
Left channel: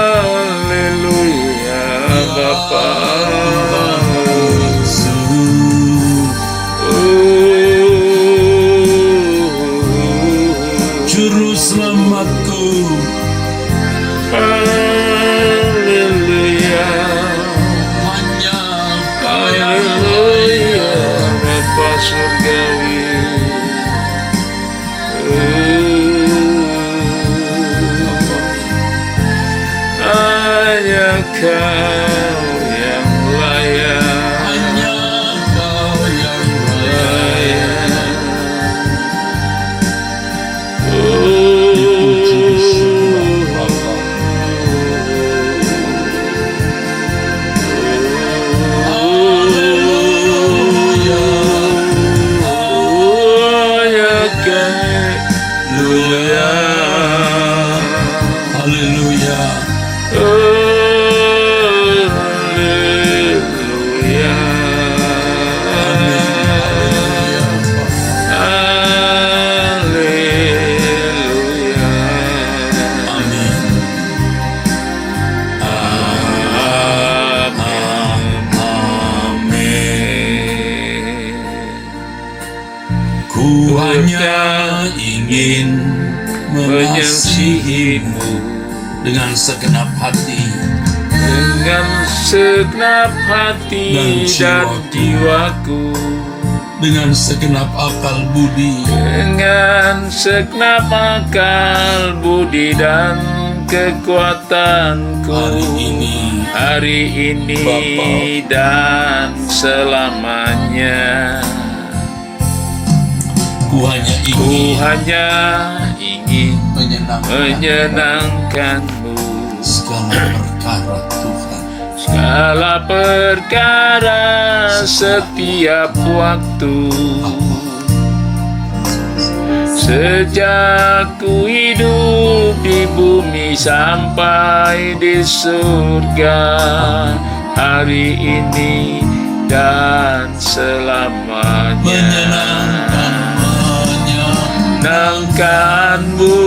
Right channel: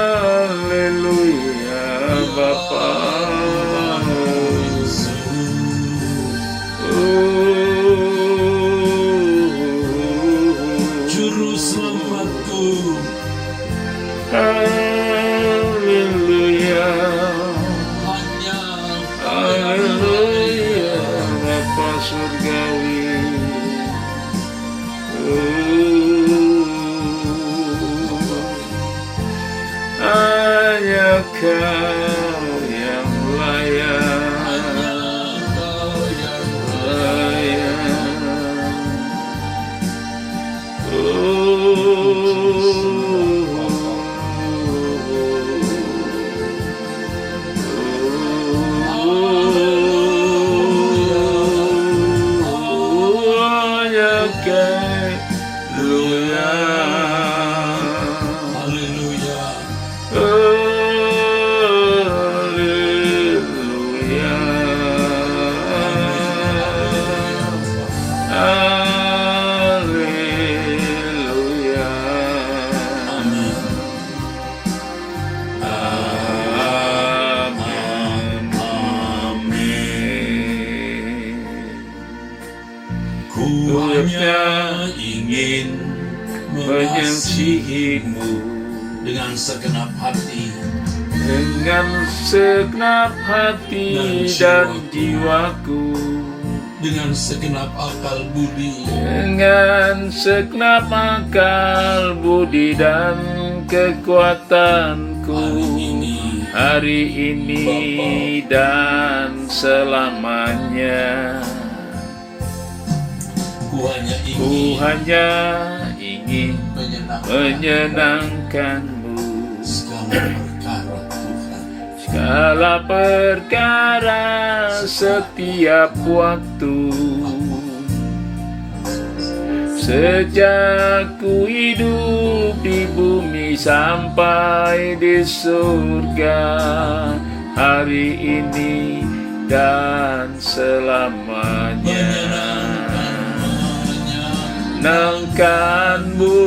Juru selamatku. Haleluya, Hanya haleluya, Bapa surgawi. Hanya Kau yang layak. hanya Kau yang layak. Haleluya. Amin. Ku hanya ingin mengasihimu dengan segenap hati Dengan segenap hati dan jiwaku, dengan segenap akal budi. dengan segenap akal budi dan kekuatanku, hari ini dan selamanya. Ku hanya Ku ingin hanya ingin menyenangkan menyenangkanmu. segala perkara Tuhan. Segala perkara setiap waktu, sejak ku hidup di bumi sampai di surga, hari ini dan selamanya. Menyenangkanmu,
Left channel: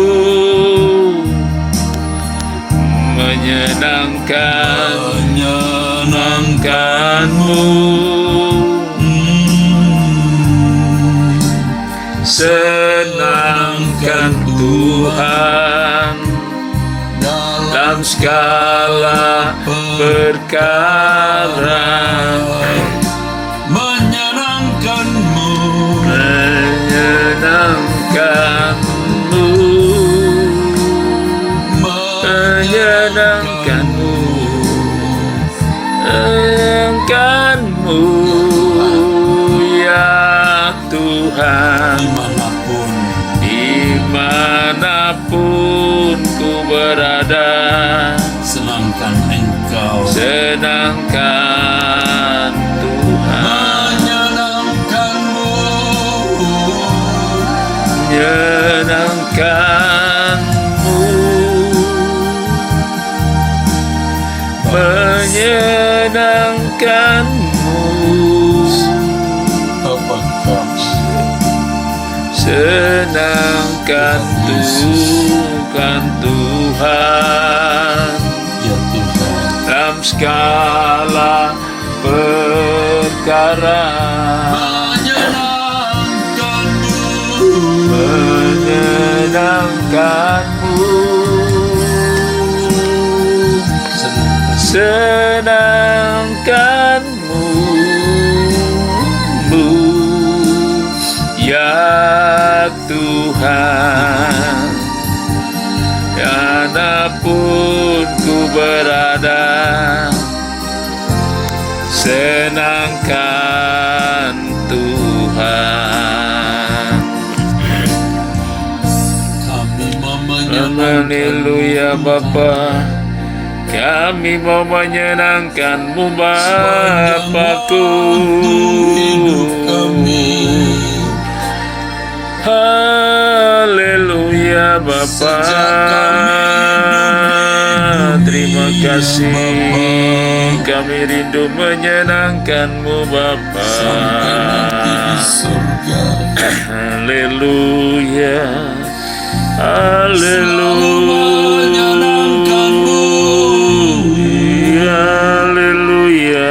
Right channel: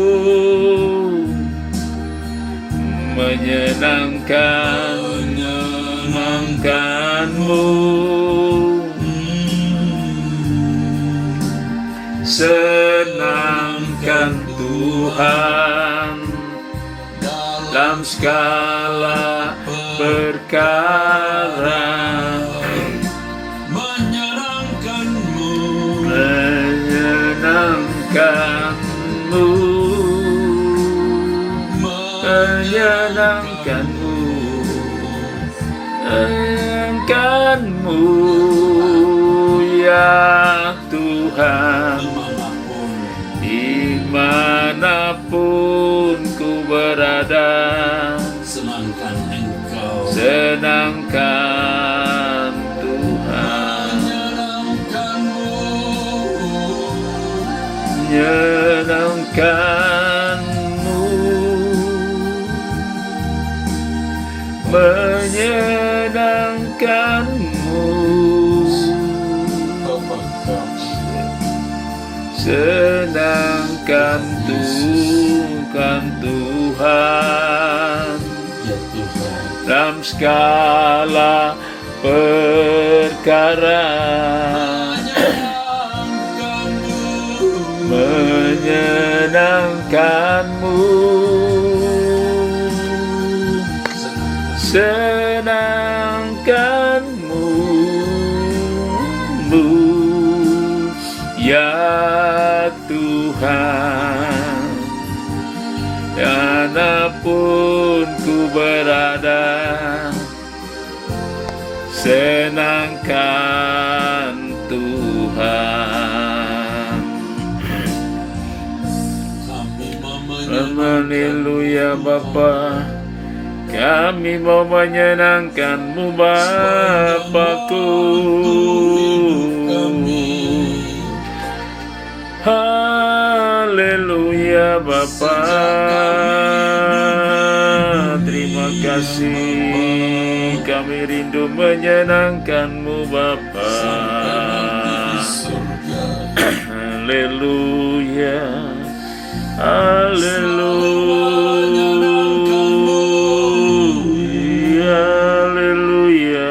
menyenangkanmu, senangkan Tuhan dalam segala perkara, Menyenangkanmu, menyenangkanmu, menyenangkanmu, menyenangkanmu, ya Tuhan. Dimanapun ku berada, senangkan Engkau. senangkan Tuhan. Menyenangkanmu, menyenangkanmu, senangkan Tuhan, Tuhan Ya Tuhan. dalam segala perkara, menyenangkanmu, senangkanmu, ya Tuhan. Dimanapun ku berada, senangkan Tuhan. Haleluya Bapa, kami mau menyenangkan-Mu Bapakku. Haleluya Bapa, terima kasih, kami rindu menyenangkan-Mu Bapa. Haleluya, haleluya, haleluya,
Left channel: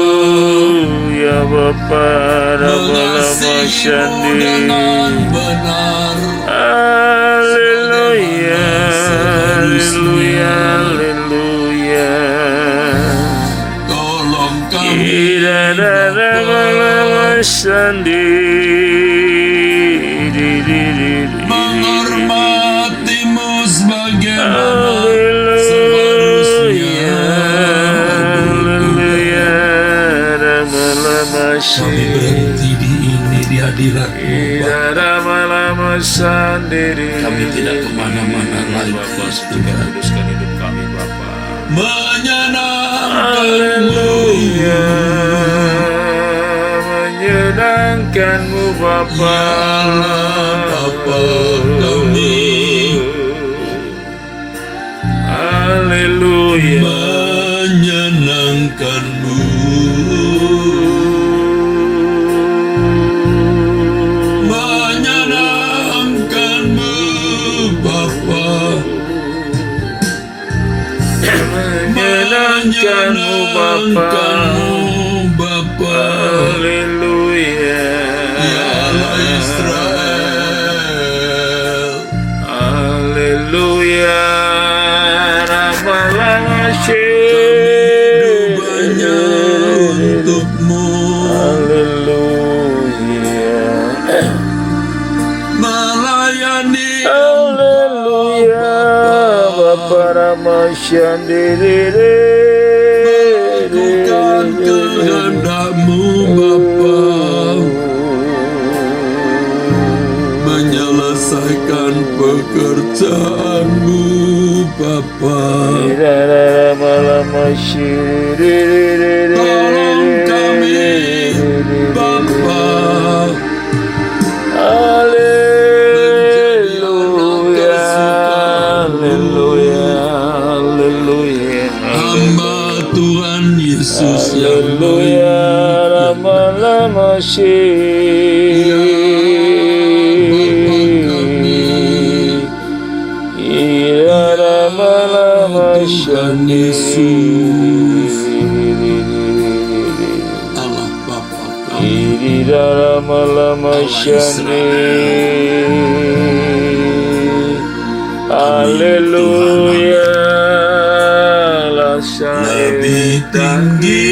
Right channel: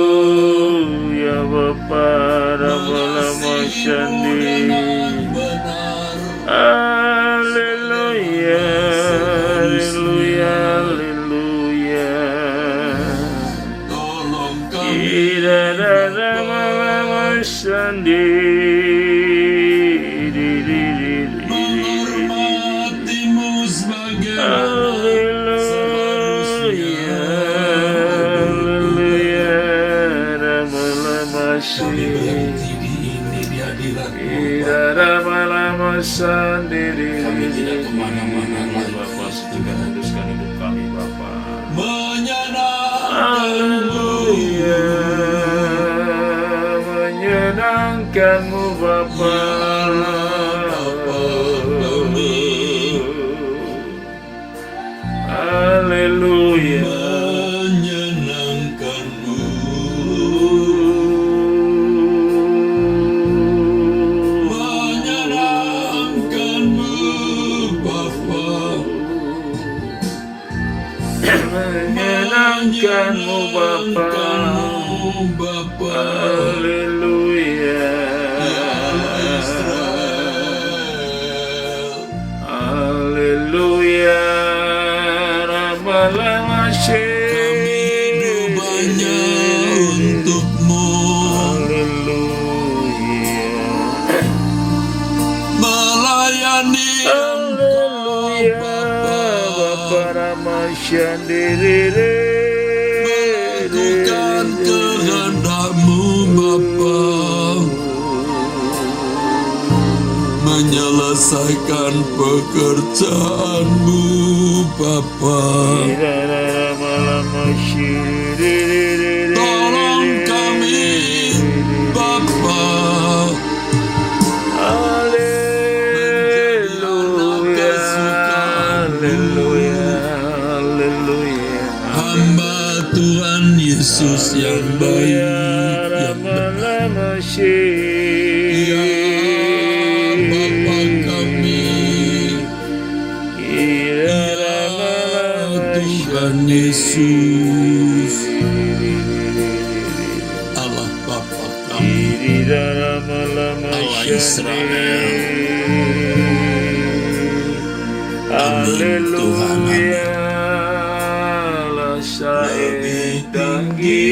haleluya Bapa. Haleluya, dengan benar. Haleluya, haleluya, haleluya. Tolong kami menghormatimu sebagaimana seharusnya. Kami berhenti di hadirat-Mu, Bapa. Kami tidak kemana-mana lagi. Pastikan kuduskan hidup kami, Bapa. Menyenangkan-Mu, Menyenangkan-Mu, Bapa. Bapa kami. Haleluya. Menyenangkan-Mu, menyenangkan-Mu, Bapa. Menyenangkan-Mu, Bapa. Menyenangkan-Mu, Bapa. Haleluya. Ya Allah Israel. Haleluya. Hidup hanya untuk-Mu. Haleluya. Melayani Haleluya. Bapa Ramashandiri. melakukan kehendak-Mu, Bapa. Menyelesaikan pekerjaan-Mu, Bapa. Tolong kami, Bapa. Haleluya. Haleluya. Haleluya. Hamba Tuhan Yesus yang Haleluya. baik, Rama-lama Tuhan Yesus, Allah Bapa kami. Haleluya. Lebih tinggi,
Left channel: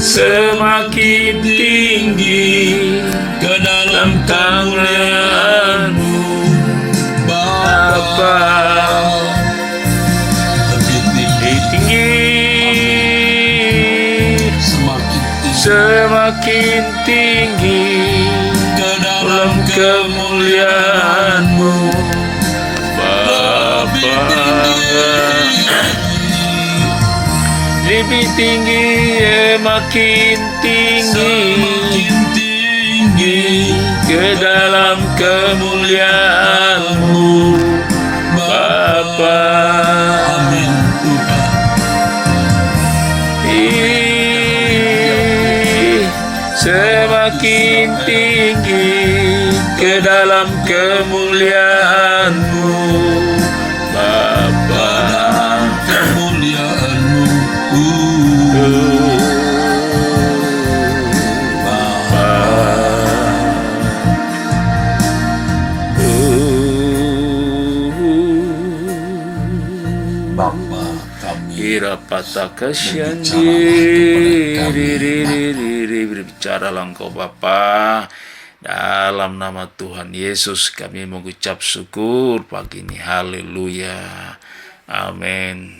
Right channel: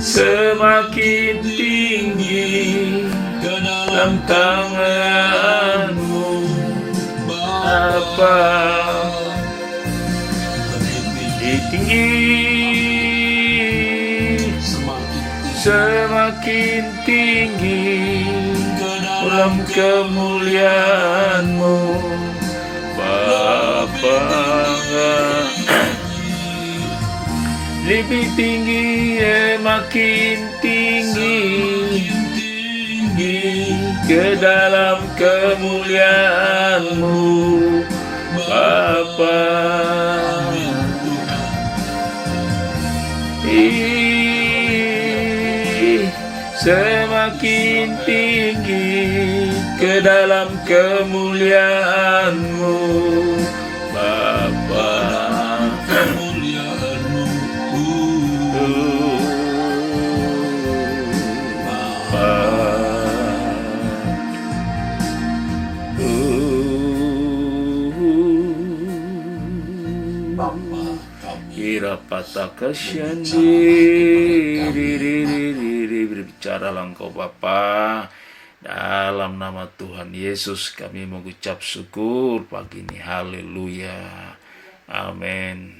Semakin tinggi ke dalam kemuliaan-Mu, Bapa. Lebih tinggi, tinggi, semakin tinggi semakin tinggi ke dalam dalam kemuliaan-Mu, Bapa. Lebih tinggi, makin tinggi ke dalam kemuliaan-Mu, Bapa. Amin Tuhan. Semakin tinggi ke dalam kemuliaan-Mu, Bapa. Kemuliaan-Mu, Bapa kami. Irapataka berbicaralah Engkau Bapa. Dalam nama Tuhan Yesus kami mengucap syukur pagi ini. Haleluya. Amin.